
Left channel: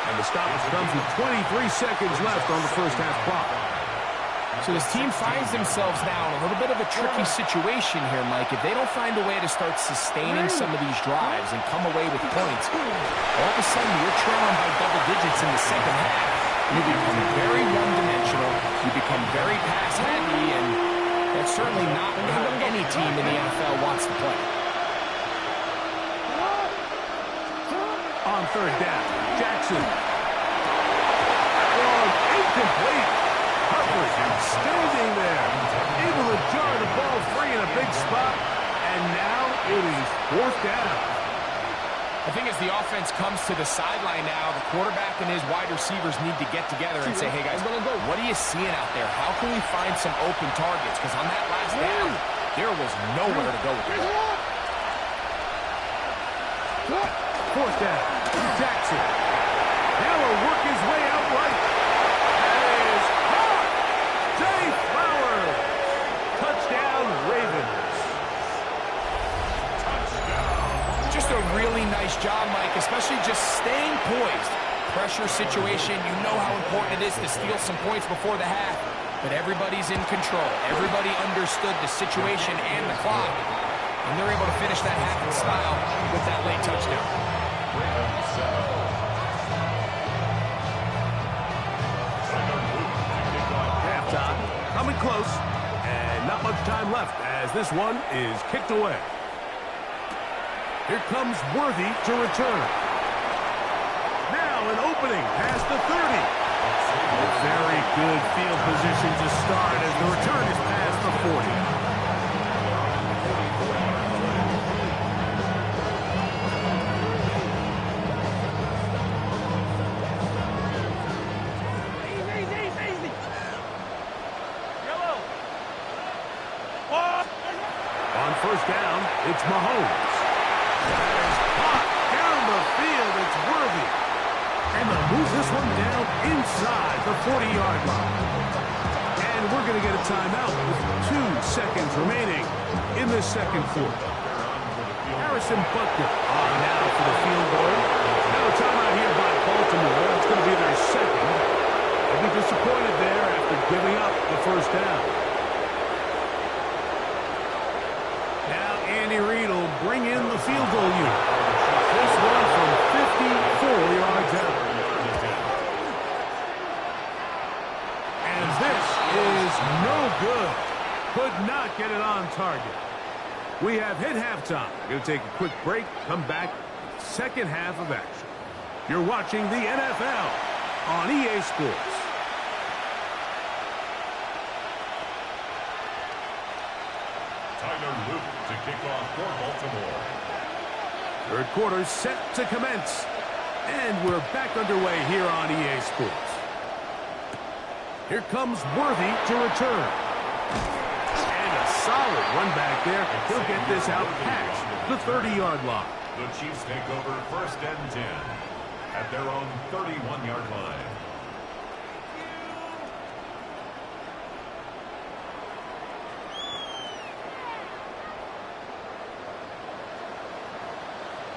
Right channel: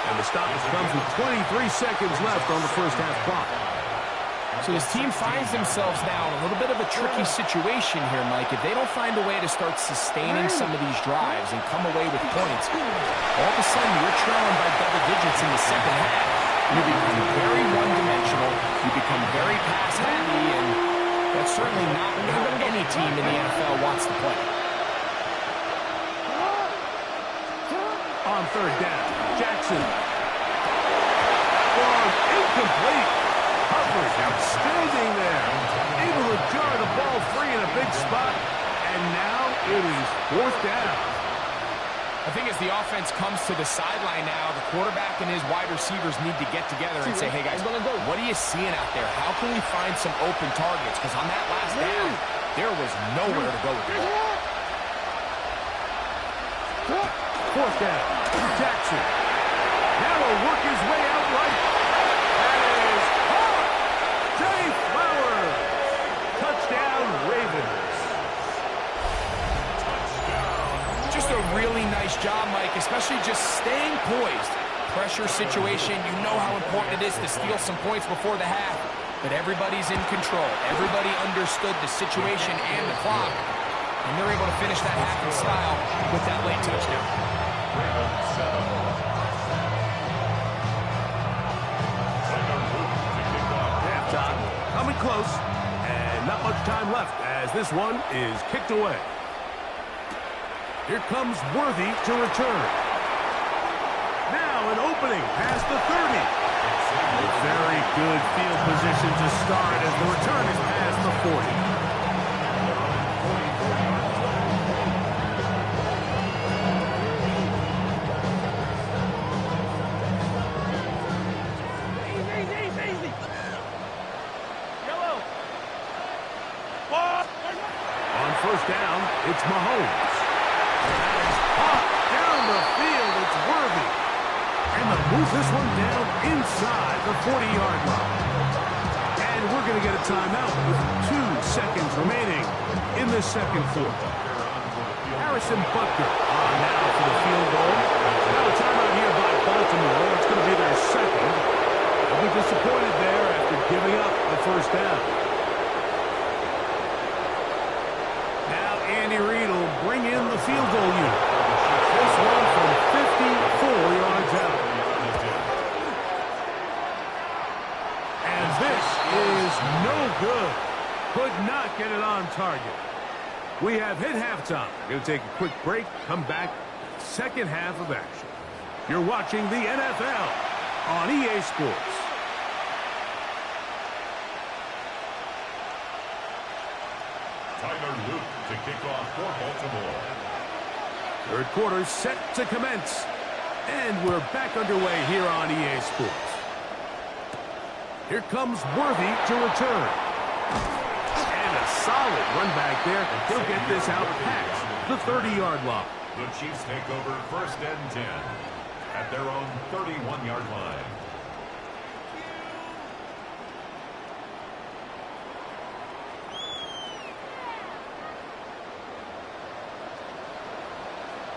And the stoppage comes with 23 seconds left on the first half clock. So this team finds themselves now in a little bit of a tricky situation here, Mike. If they don't find a way to start sustaining some of these drives and come away with points, all of a sudden you're trailing by double digits in the second half. You become very one-dimensional. You become very pass-heavy, and That's certainly not how any team in the NFL wants to play. On third down, Jackson. Long, incomplete. Coverage outstanding there. Able to jar the ball free in a big spot. And now it is fourth down. I think as the offense comes to the sideline now, the quarterback and his wide receivers need to get together and say, hey, guys, what are you seeing out there? How can we find some open targets? Because on that last down, there was nowhere to go with the ball. Fourth down, Jackson. Now will work his way out right. That is caught. Zay Flowers. Touchdown, Ravens. Just a really nice job, Mike, especially just staying poised. Pressure situation, you know how important it is to steal some points before the half. But everybody's in control. Everybody understood the situation and the clock. And they're able to finish that half in style with that late touchdown. Halftime coming close. And not much time left as this one is kicked away. Here comes Worthy to return. Now an opening past the 30. A very good field position to start as the return is past the 40. Easy. Yellow. What? On first down, it's Mahomes. That is hot down the field. It's Worthy. And they'll move this one down inside the 40-yard line. And we're going to get a timeout with 2 seconds remaining in this second quarter. Harrison Butker on now for the field goal. Now a timeout here by Baltimore. It's going to be their second. They'll be disappointed there after giving up the first down. Now Andy Reid will bring in the field goal unit. This one from 54 yards out. And this is no good. Could not get it on target. We have hit halftime. Going to take a quick break. Come back. Second half of action. You're watching the NFL on EA Sports. Tyler Luke to kick off for Baltimore. Third quarter set to commence. And we're back underway here on EA Sports. Here comes Worthy to return. And a solid run back there. He'll get this out past the 30-yard line. The Chiefs take over first and 10 at their own 31-yard line.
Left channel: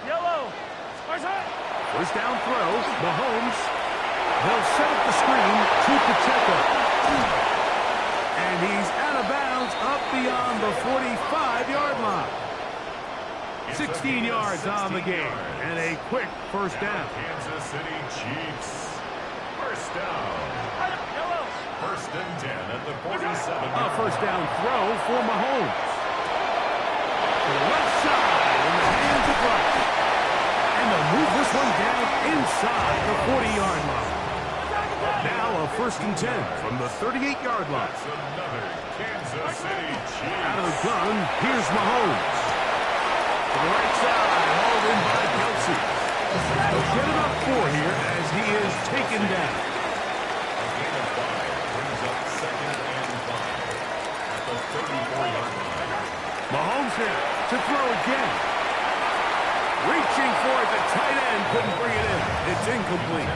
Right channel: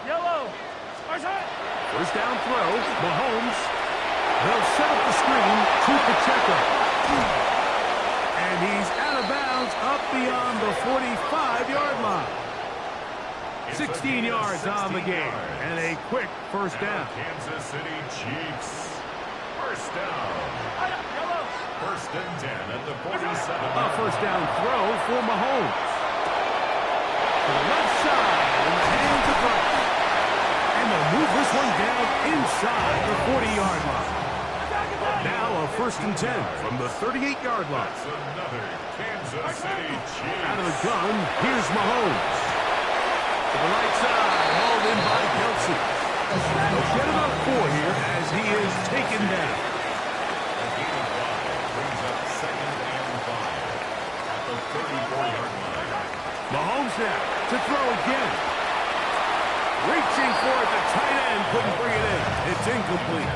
Yellow. First down throw, Mahomes. They'll set up the screen to Pacheco. And he's out of bounds up beyond the 45-yard line. 16 yards on the game. And a quick first down. Kansas City Chiefs. First down. Yellow. First and 10 at the 47. A first down throw for Mahomes. To the left side in the hands of Rice. And they'll move this one down inside the 40-yard line. Now a first and 10 from the 38-yard line. That's another Kansas City Chiefs. Out of the gun, here's Mahomes. To the right side, hauled in by Kelsey. They'll get about 4 here as he is taken down. A gain of 5 brings up second and 5 at the 34-yard line. Mahomes now to throw again. Reaching for it, the tight end couldn't bring it in. It's incomplete.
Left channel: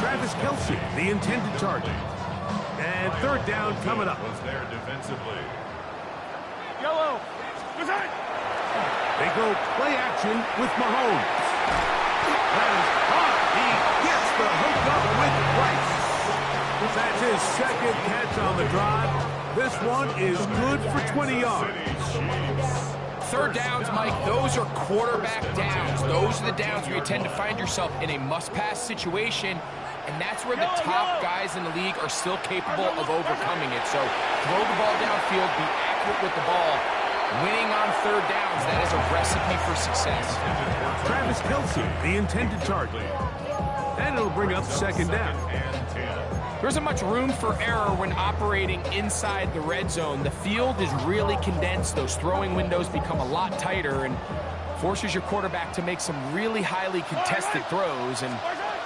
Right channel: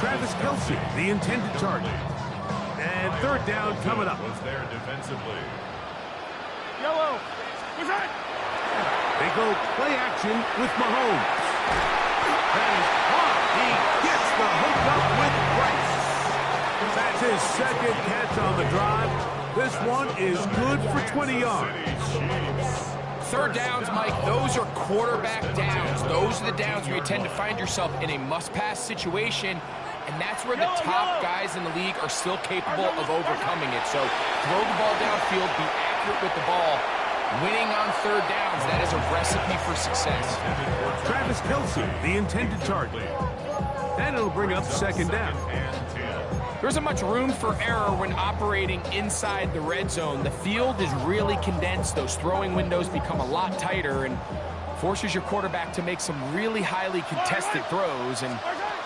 Travis Kelsey, the intended target. And third down coming up. Was there defensively. Yellow. They go play action with Mahomes. That is hot. He gets the hook up with Rice. That's his second catch on the drive. This one is good for 20 yards. Third downs, Mike, those are quarterback downs. Those are the downs where you tend to find yourself in a must-pass situation, and that's where the top guys in the league are still capable of overcoming it. So throw the ball downfield, be accurate accurate with the ball, winning on third downs, that is a recipe for success. Travis Kelce, the intended target. And it'll bring up second down. There isn't much room for error when operating inside the red zone. The field is really condensed. Those throwing windows become a lot tighter and forces your quarterback to make some really highly contested throws. And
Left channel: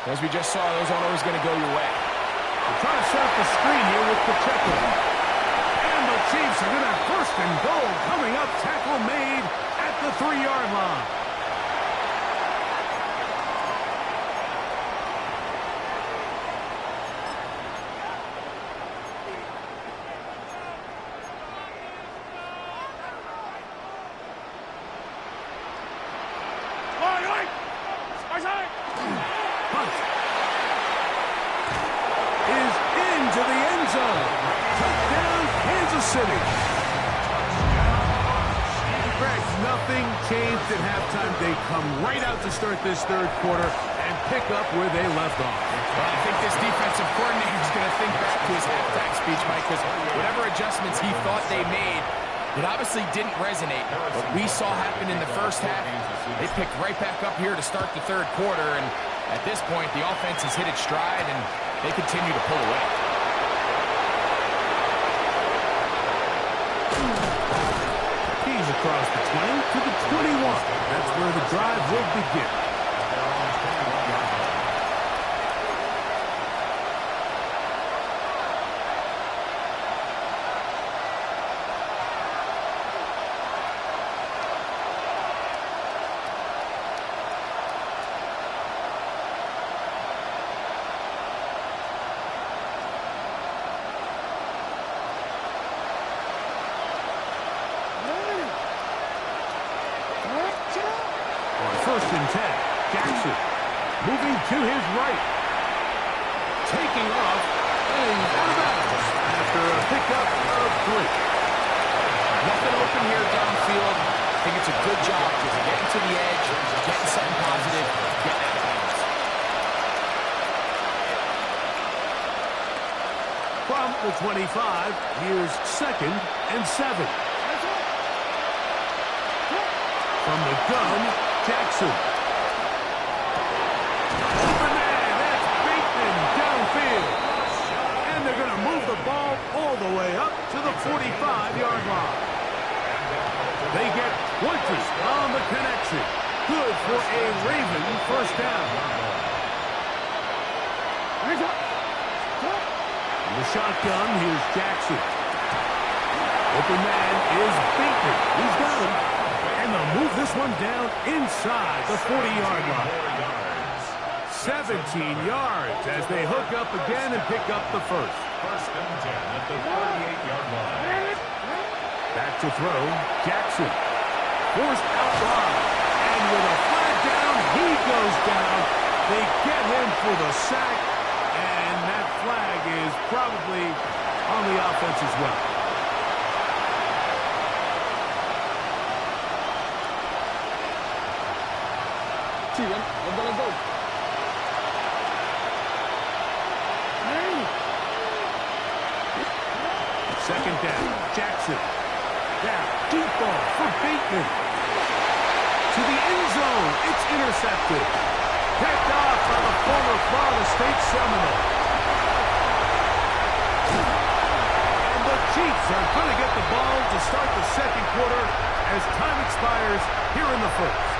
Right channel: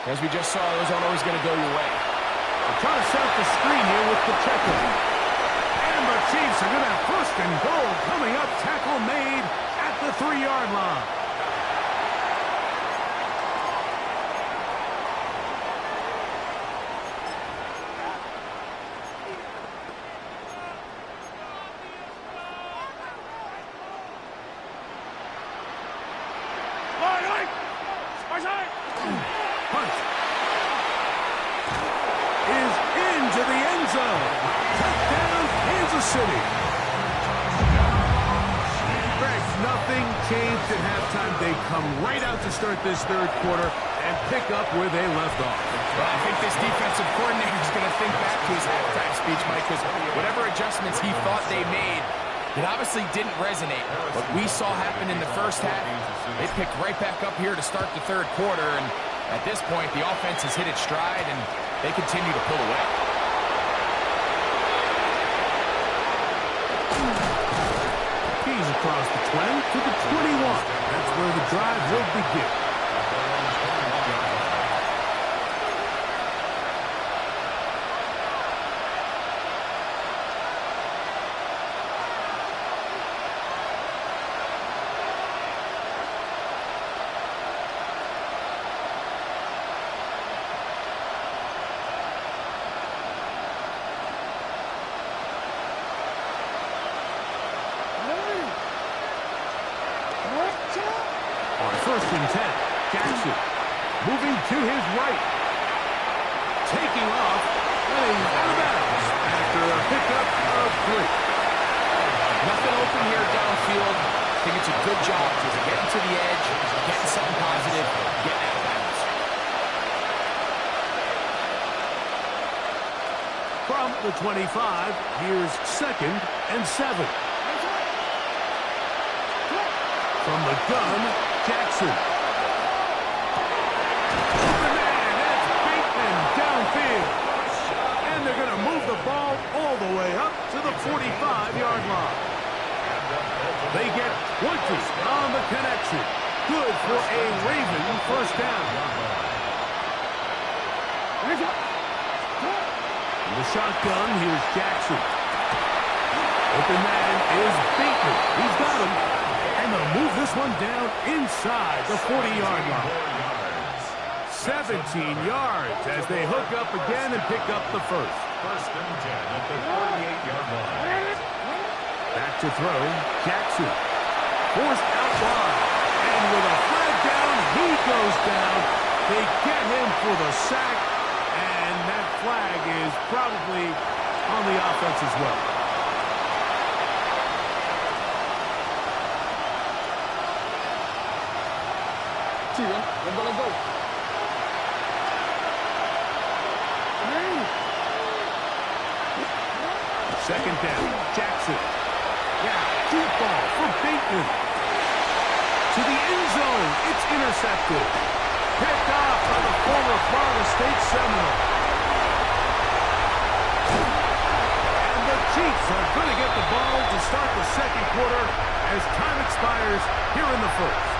as we just saw, those aren't always going to go your way. They're trying to set up the screen here with Pacheco. And the Chiefs are going to have first and goal coming up. Tackle made at the 3-yard line. Hunt is into the end zone. Touchdown, Kansas City. Greg, nothing changed at halftime. They come right out to start this third quarter and pick up where they left off. Well, I think this defensive coordinator is going to think back to his halftime speech, Mike, because whatever adjustments he thought they made, it obviously didn't resonate. What we saw happen in the first half, they picked right back up here to start the third quarter, and at this point, the offense has hit its stride, and they continue to pull away. He's across the 20 to the 21. That's where the drive will begin. On first and 10, Jackson moving to his right. Taking off, and he's out of bounds after a pickup of 3. Nothing open here downfield. I think it's a good job just getting to the edge, getting something positive, getting out of bounds. From the 25, here's second and 7. From the gun, Jackson. Open man, that's Bateman downfield. And they're going to move the ball all the way up to the 45-yard line. They get 20 on the connection. Good for a Raven first down. In the shotgun, here's Jackson. Open man is Bateman. He's got him. And they'll move this one down inside the 40-yard line. 17 yards as they hook up again and pick up the first. First and 10 at the 48-yard line. Back to throw, Jackson. Forced out wide. And with a flag down, he goes down. They get him for the sack. And that flag is probably on the offense as well. Steven, we're gonna go. Second down, Jackson. Now, deep ball for Bateman. To the end zone, it's intercepted. Picked off by the former Florida State Seminole. And the Chiefs are going to get the ball to start the second quarter as time expires here in the first.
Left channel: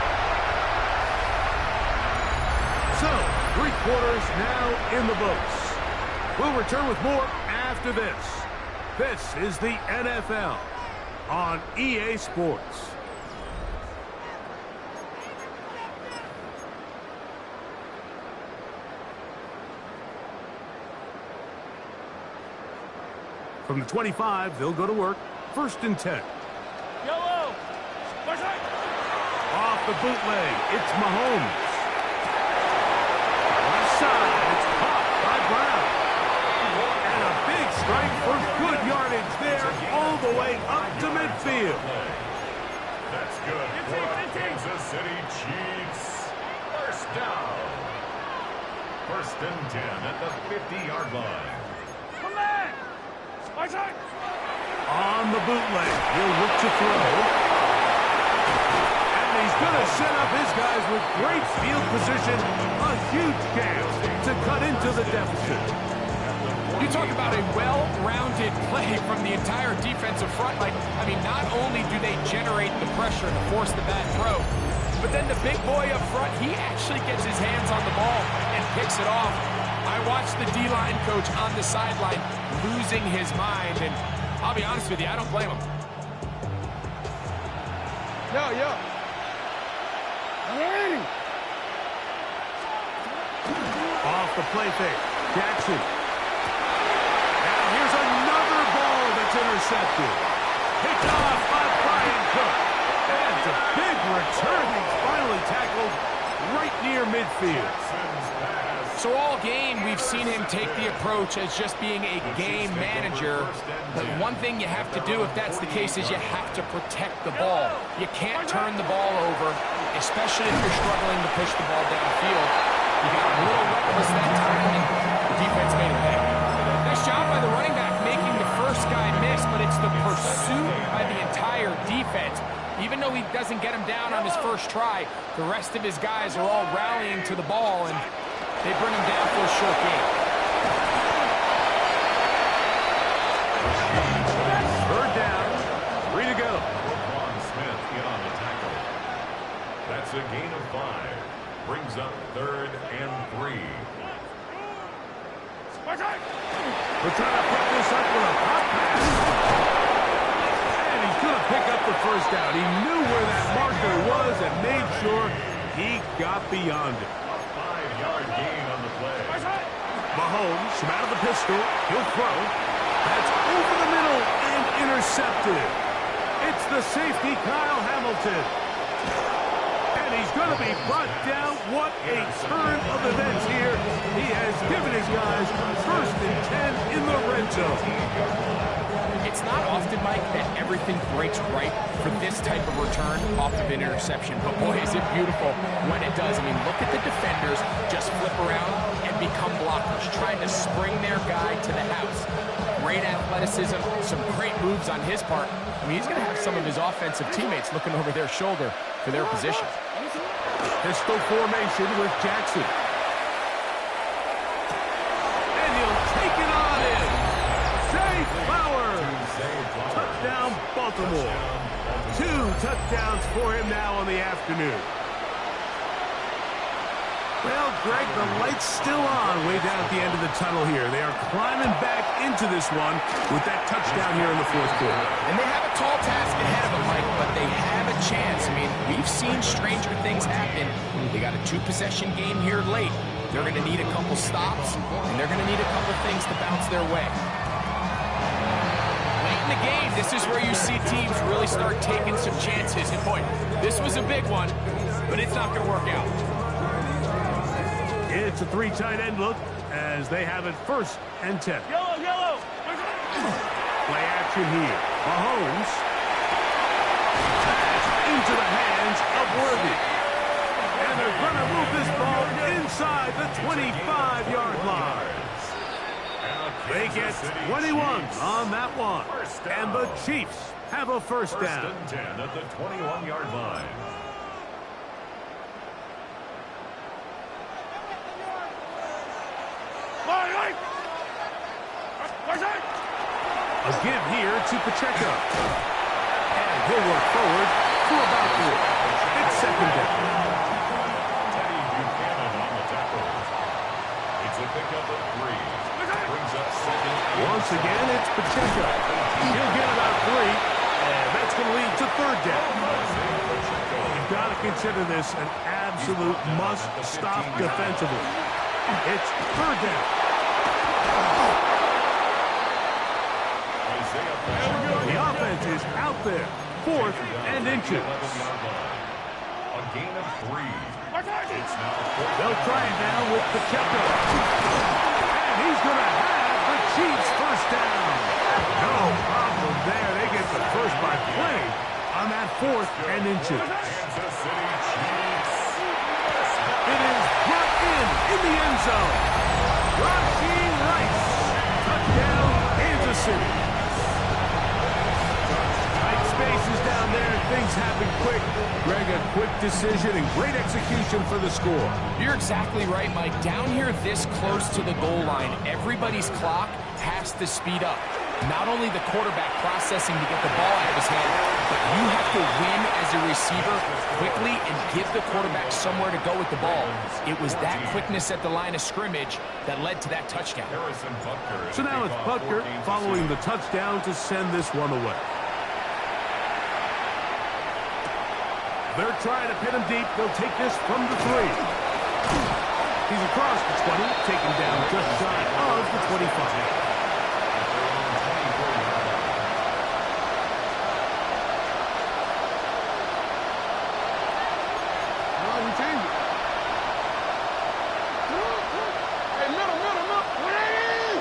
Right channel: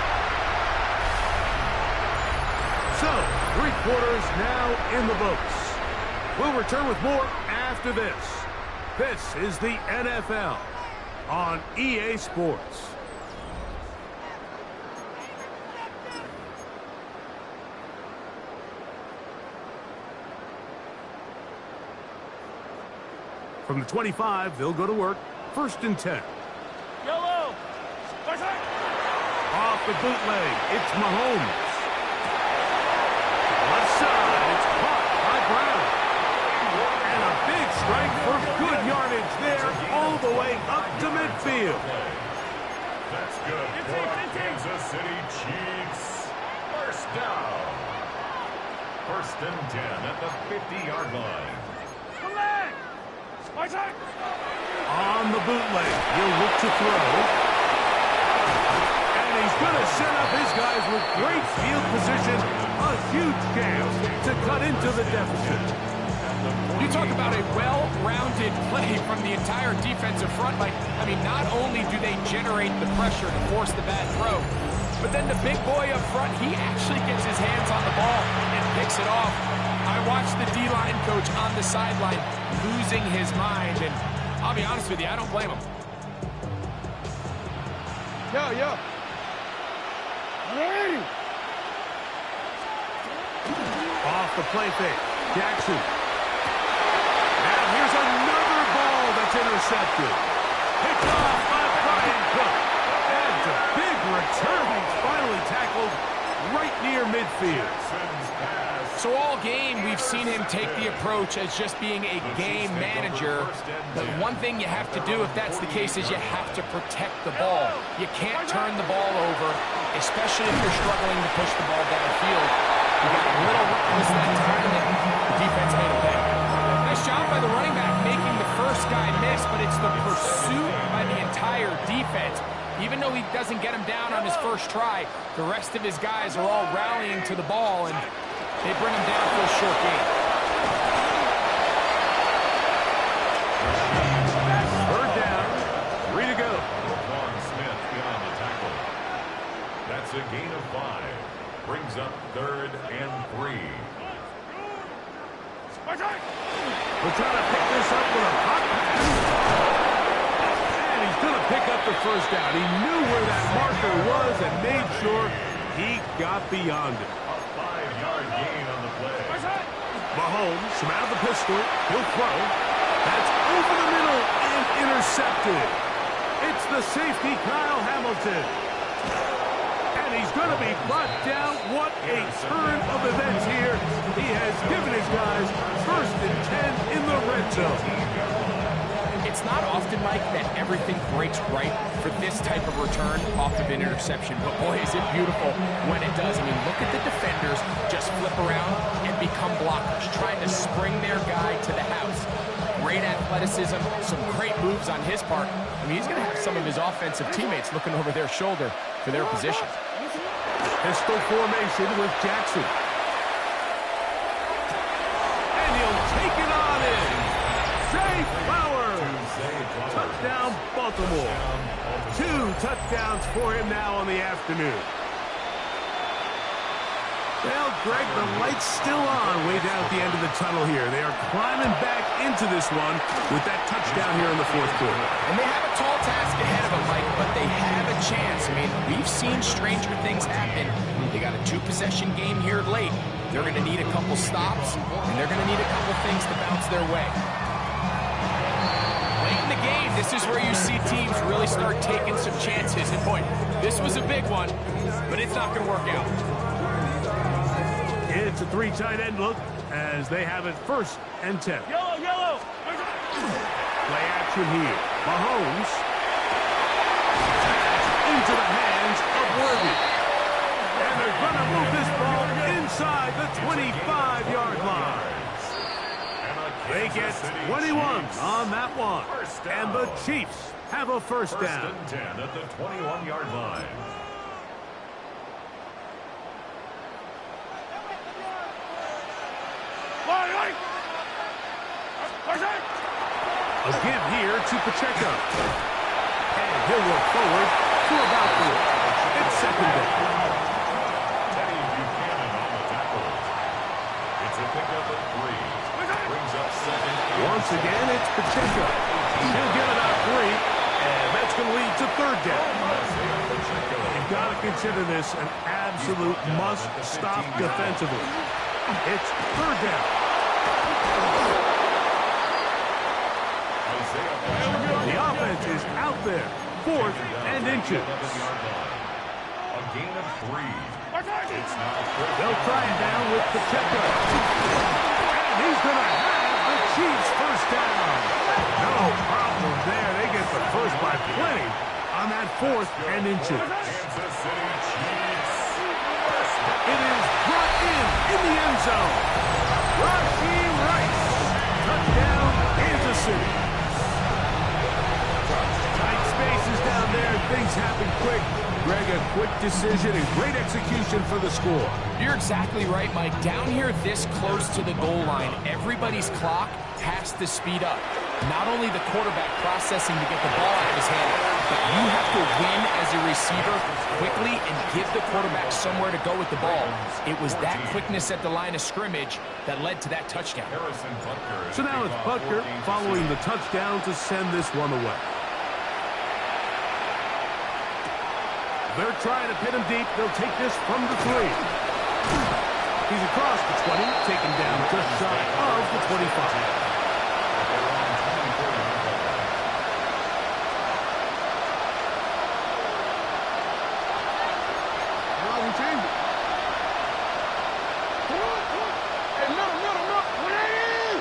So, 3 quarters now in the books. We'll return with more after this. This is the NFL on EA Sports. From the 25, they'll go to work. First and 10. Yellow. Off the bootleg, it's Mahomes. Left side, it's caught by Brown. And a big strike for good yardage there all the way up to midfield. That's good for Kansas City Chiefs. First down. First and 10 at the 50-yard line. Come back. Left On the bootleg, he'll look to throw. And he's going to set up his guys with great field position. A huge chance to cut into the deficit. You talk about a well-rounded play from the entire defensive front. Like, I mean, not only do they generate the pressure to force the bad throw, but then the big boy up front, he actually gets his hands on the ball and picks it off. I watched the D-line coach on the sideline losing his mind, and I'll be honest with you, I don't blame him. Yo. Hey. Off the play fake, Jackson. Now here's another ball that's intercepted. Picked off by Brian Cook. And a big return. He's finally tackled right near midfield. So all game, we've seen him take the approach as just being a game manager. But one thing you have to do if that's the case is you have to protect the ball. You can't turn the ball over, especially if you're struggling to push the ball downfield. You got a little reckless that time, and the defense made a pay. Nice job by the running back making the first guy miss, but it's the pursuit by the entire defense. Even though he doesn't get him down on his first try, the rest of his guys are all rallying to the ball, and they bring him down for a short gain. Third down, 3 to go. Roquan Smith in on the tackle. That's a gain of 5. Brings up 3rd and 3. We're trying to pick this up with a hot pass. And he's going to pick up the first down. He knew where that marker was and made sure he got beyond it. A 5-yard gain on the play. Mahomes from out of the pistol. He'll throw. That's over the middle and intercepted. It's the safety, Kyle Hamilton. And he's going to be brought down. What a turn of events here. He has given his guys 1st and 10 in the red zone. It's not often, Mike, that everything breaks right for this type of return off of an interception. But boy, is it beautiful when it does. I mean, look at the defenders just flip around and become blockers, trying to spring their guy to the house. Great athleticism, some great moves on his part. I mean, he's going to have some of his offensive teammates looking over their shoulder for their position. Pistol formation with Jackson. And he'll take it on in. Zay Flowers. Touchdown, Baltimore. 2 touchdowns for him now on the afternoon. Well, Greg, the light's still on way down at the end of the tunnel here. They are climbing back into this one with that touchdown here in the 4th quarter. And they have a tall task ahead of them, Mike, but they have a chance. I mean, we've seen stranger things happen. They got a 2-possession game here late. They're going to need a couple stops, and they're going to need a couple things to bounce their way. Late in the game, this is where you see teams really start taking some chances. And boy, this was a big one, but it's not going to work out. It's a 3 tight end look as they have it 1st and 10. Yellow. Play action here. Mahomes. Pass into the hands of Worthy. And they're going to move this ball inside the 25-yard line. They get 21 on that one. And the Chiefs have a first down. 1st and 10 at the 21-yard line. A give here to Pacheco. And he'll work forward to about 3. It's 2nd down. Teddy Buchanan on the tackle. It's a pickup at 3. Brings up 2nd. Once again, it's Pacheco. He'll get about 3. And that's going to lead to 3rd down. You've got to consider this an absolute must-stop defensively. It's 3rd down. The offense is out there. 4th and inches. A gain of 3. It's now 4th. They'll try it now with Pacheco. And he's going to have the Chiefs first down. No problem there. They get the first by plenty on that 4th and inches. Kansas City Chiefs. It is brought in the end zone. Rashee Rice. Touchdown, Kansas City. passes down there, and things happen quick. Greg, a quick decision and great execution for the score. You're exactly right, Mike. Down here this close to the goal line, everybody's clock has to speed up. Not only the quarterback processing to get the ball out of his hand, but you have to win as a receiver quickly and give the quarterback somewhere to go with the ball. It was that quickness at the line of scrimmage that led to that touchdown. So now it's Butker following the touchdown to send this one away. They're trying to pin him deep. They'll take this from the 3. He's across the 20, taken down just shy of the 25. Change it. Hey, middle. 180.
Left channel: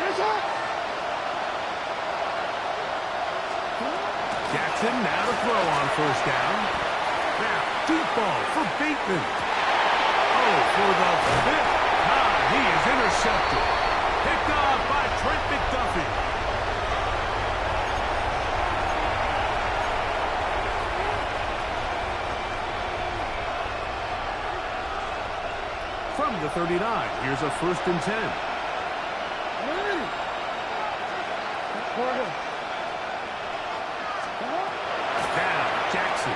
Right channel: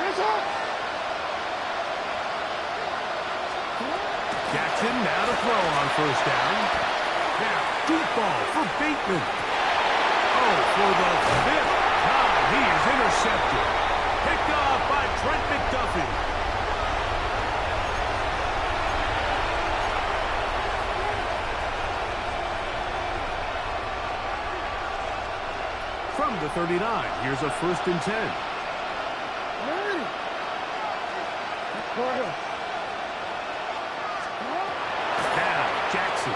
Finish up. Jackson now to throw on first down. Now, deep ball for Bateman. Oh, for the 5th time, he is intercepted. Picked off by Trent McDuffie. From the 39, here's a 1st and 10. Now, Jackson.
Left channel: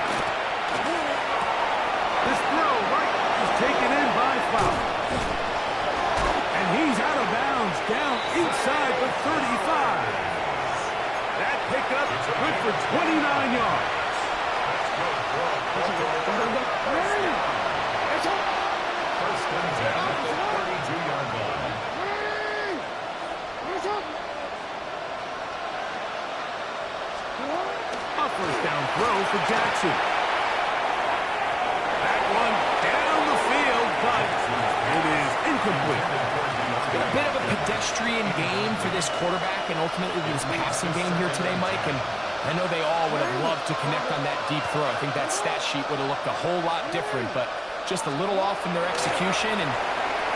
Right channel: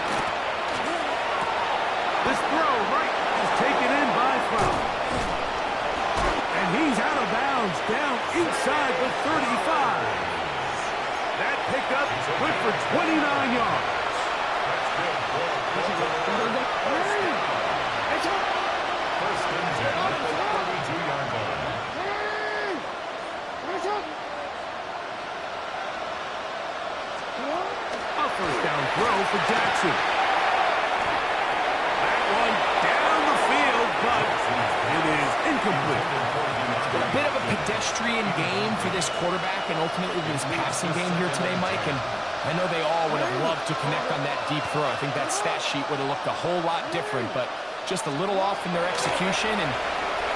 This throw right is taken in by Fowler. And he's out of bounds down inside the 35. That pickup good for 29 yards. First and 10 at the 32-yard line. A first down throw for Jackson. That one down the field, but it is incomplete. It's been a bit of a pedestrian game for this quarterback and ultimately this passing game here today, Mike. And I know they all would have loved to connect on that deep throw. I think that stat sheet would have looked a whole lot different, but just a little off in their execution and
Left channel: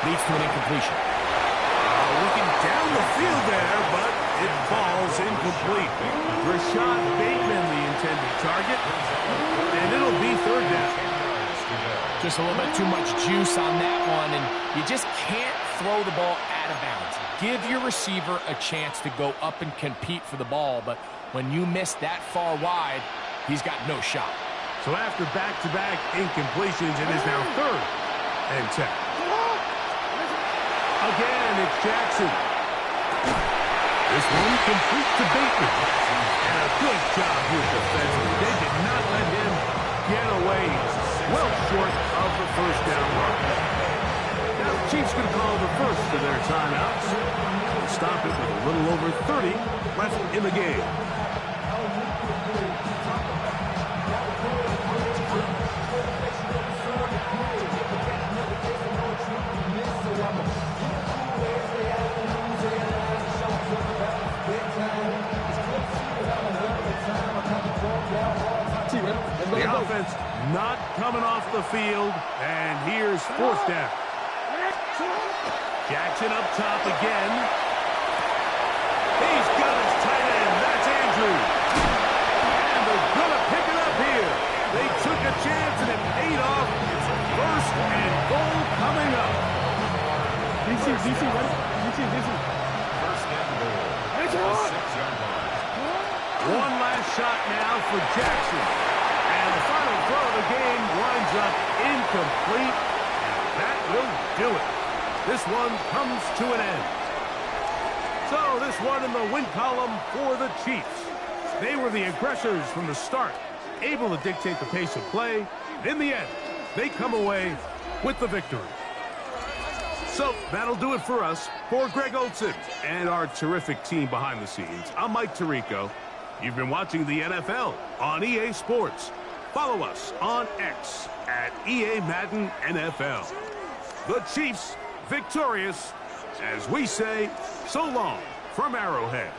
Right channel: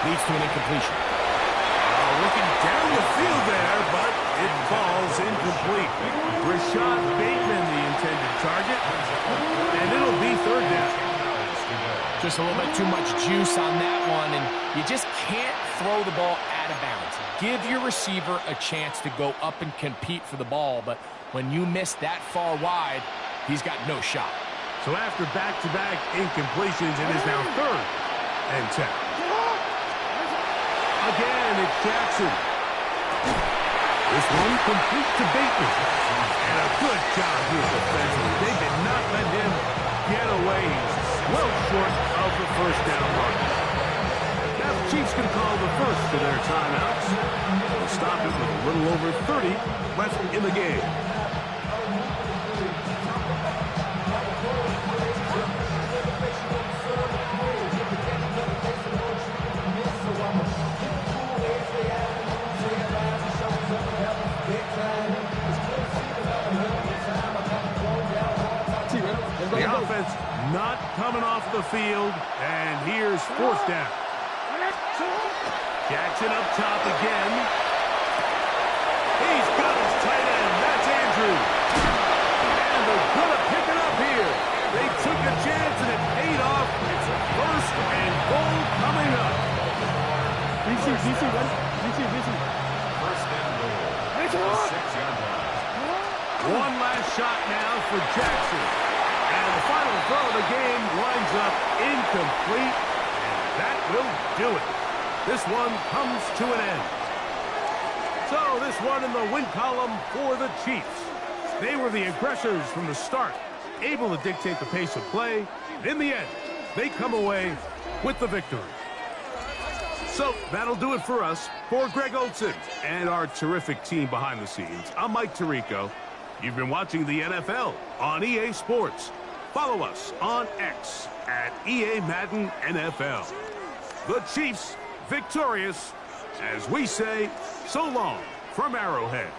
leads to an incompletion. Looking down the field there, but it falls incomplete. Rashad Bateman, the intended target, and it'll be 3rd down. Just a little bit too much juice on that one, and you just can't throw the ball out of bounds. Give your receiver a chance to go up and compete for the ball, but when you miss that far wide, he's got no shot. So after back-to-back incompletions, it is now 3rd and 10. Again, it's Jackson. This one complete to Bateman. And a good job here defensively. They did not let him get away. He's well short of the first down mark. Now the Chiefs going to call the first of their timeouts. They'll stop it with a little over 30 left in the game. The offense not coming off the field, and here's 4th down. Jackson up top again. He's got his tight end. That's Andrews. And they're going to pick it up here. They took a chance, and it paid off. It's 1st and goal coming up. DC, ready? DC. First and goal. The 6-yard line. One last shot now for Jackson. And the final throw of the game winds up incomplete. And that will do it. This one comes to an end. So this one in the win column for the Chiefs. They were the aggressors from the start, able to dictate the pace of play. In the end, they come away with the victory. So that'll do it for us. For Greg Olsen and our terrific team behind the scenes, I'm Mike Tirico. You've been watching the NFL on EA Sports. Follow us on X at EA Madden NFL. The Chiefs victorious, as we say, so long from Arrowhead.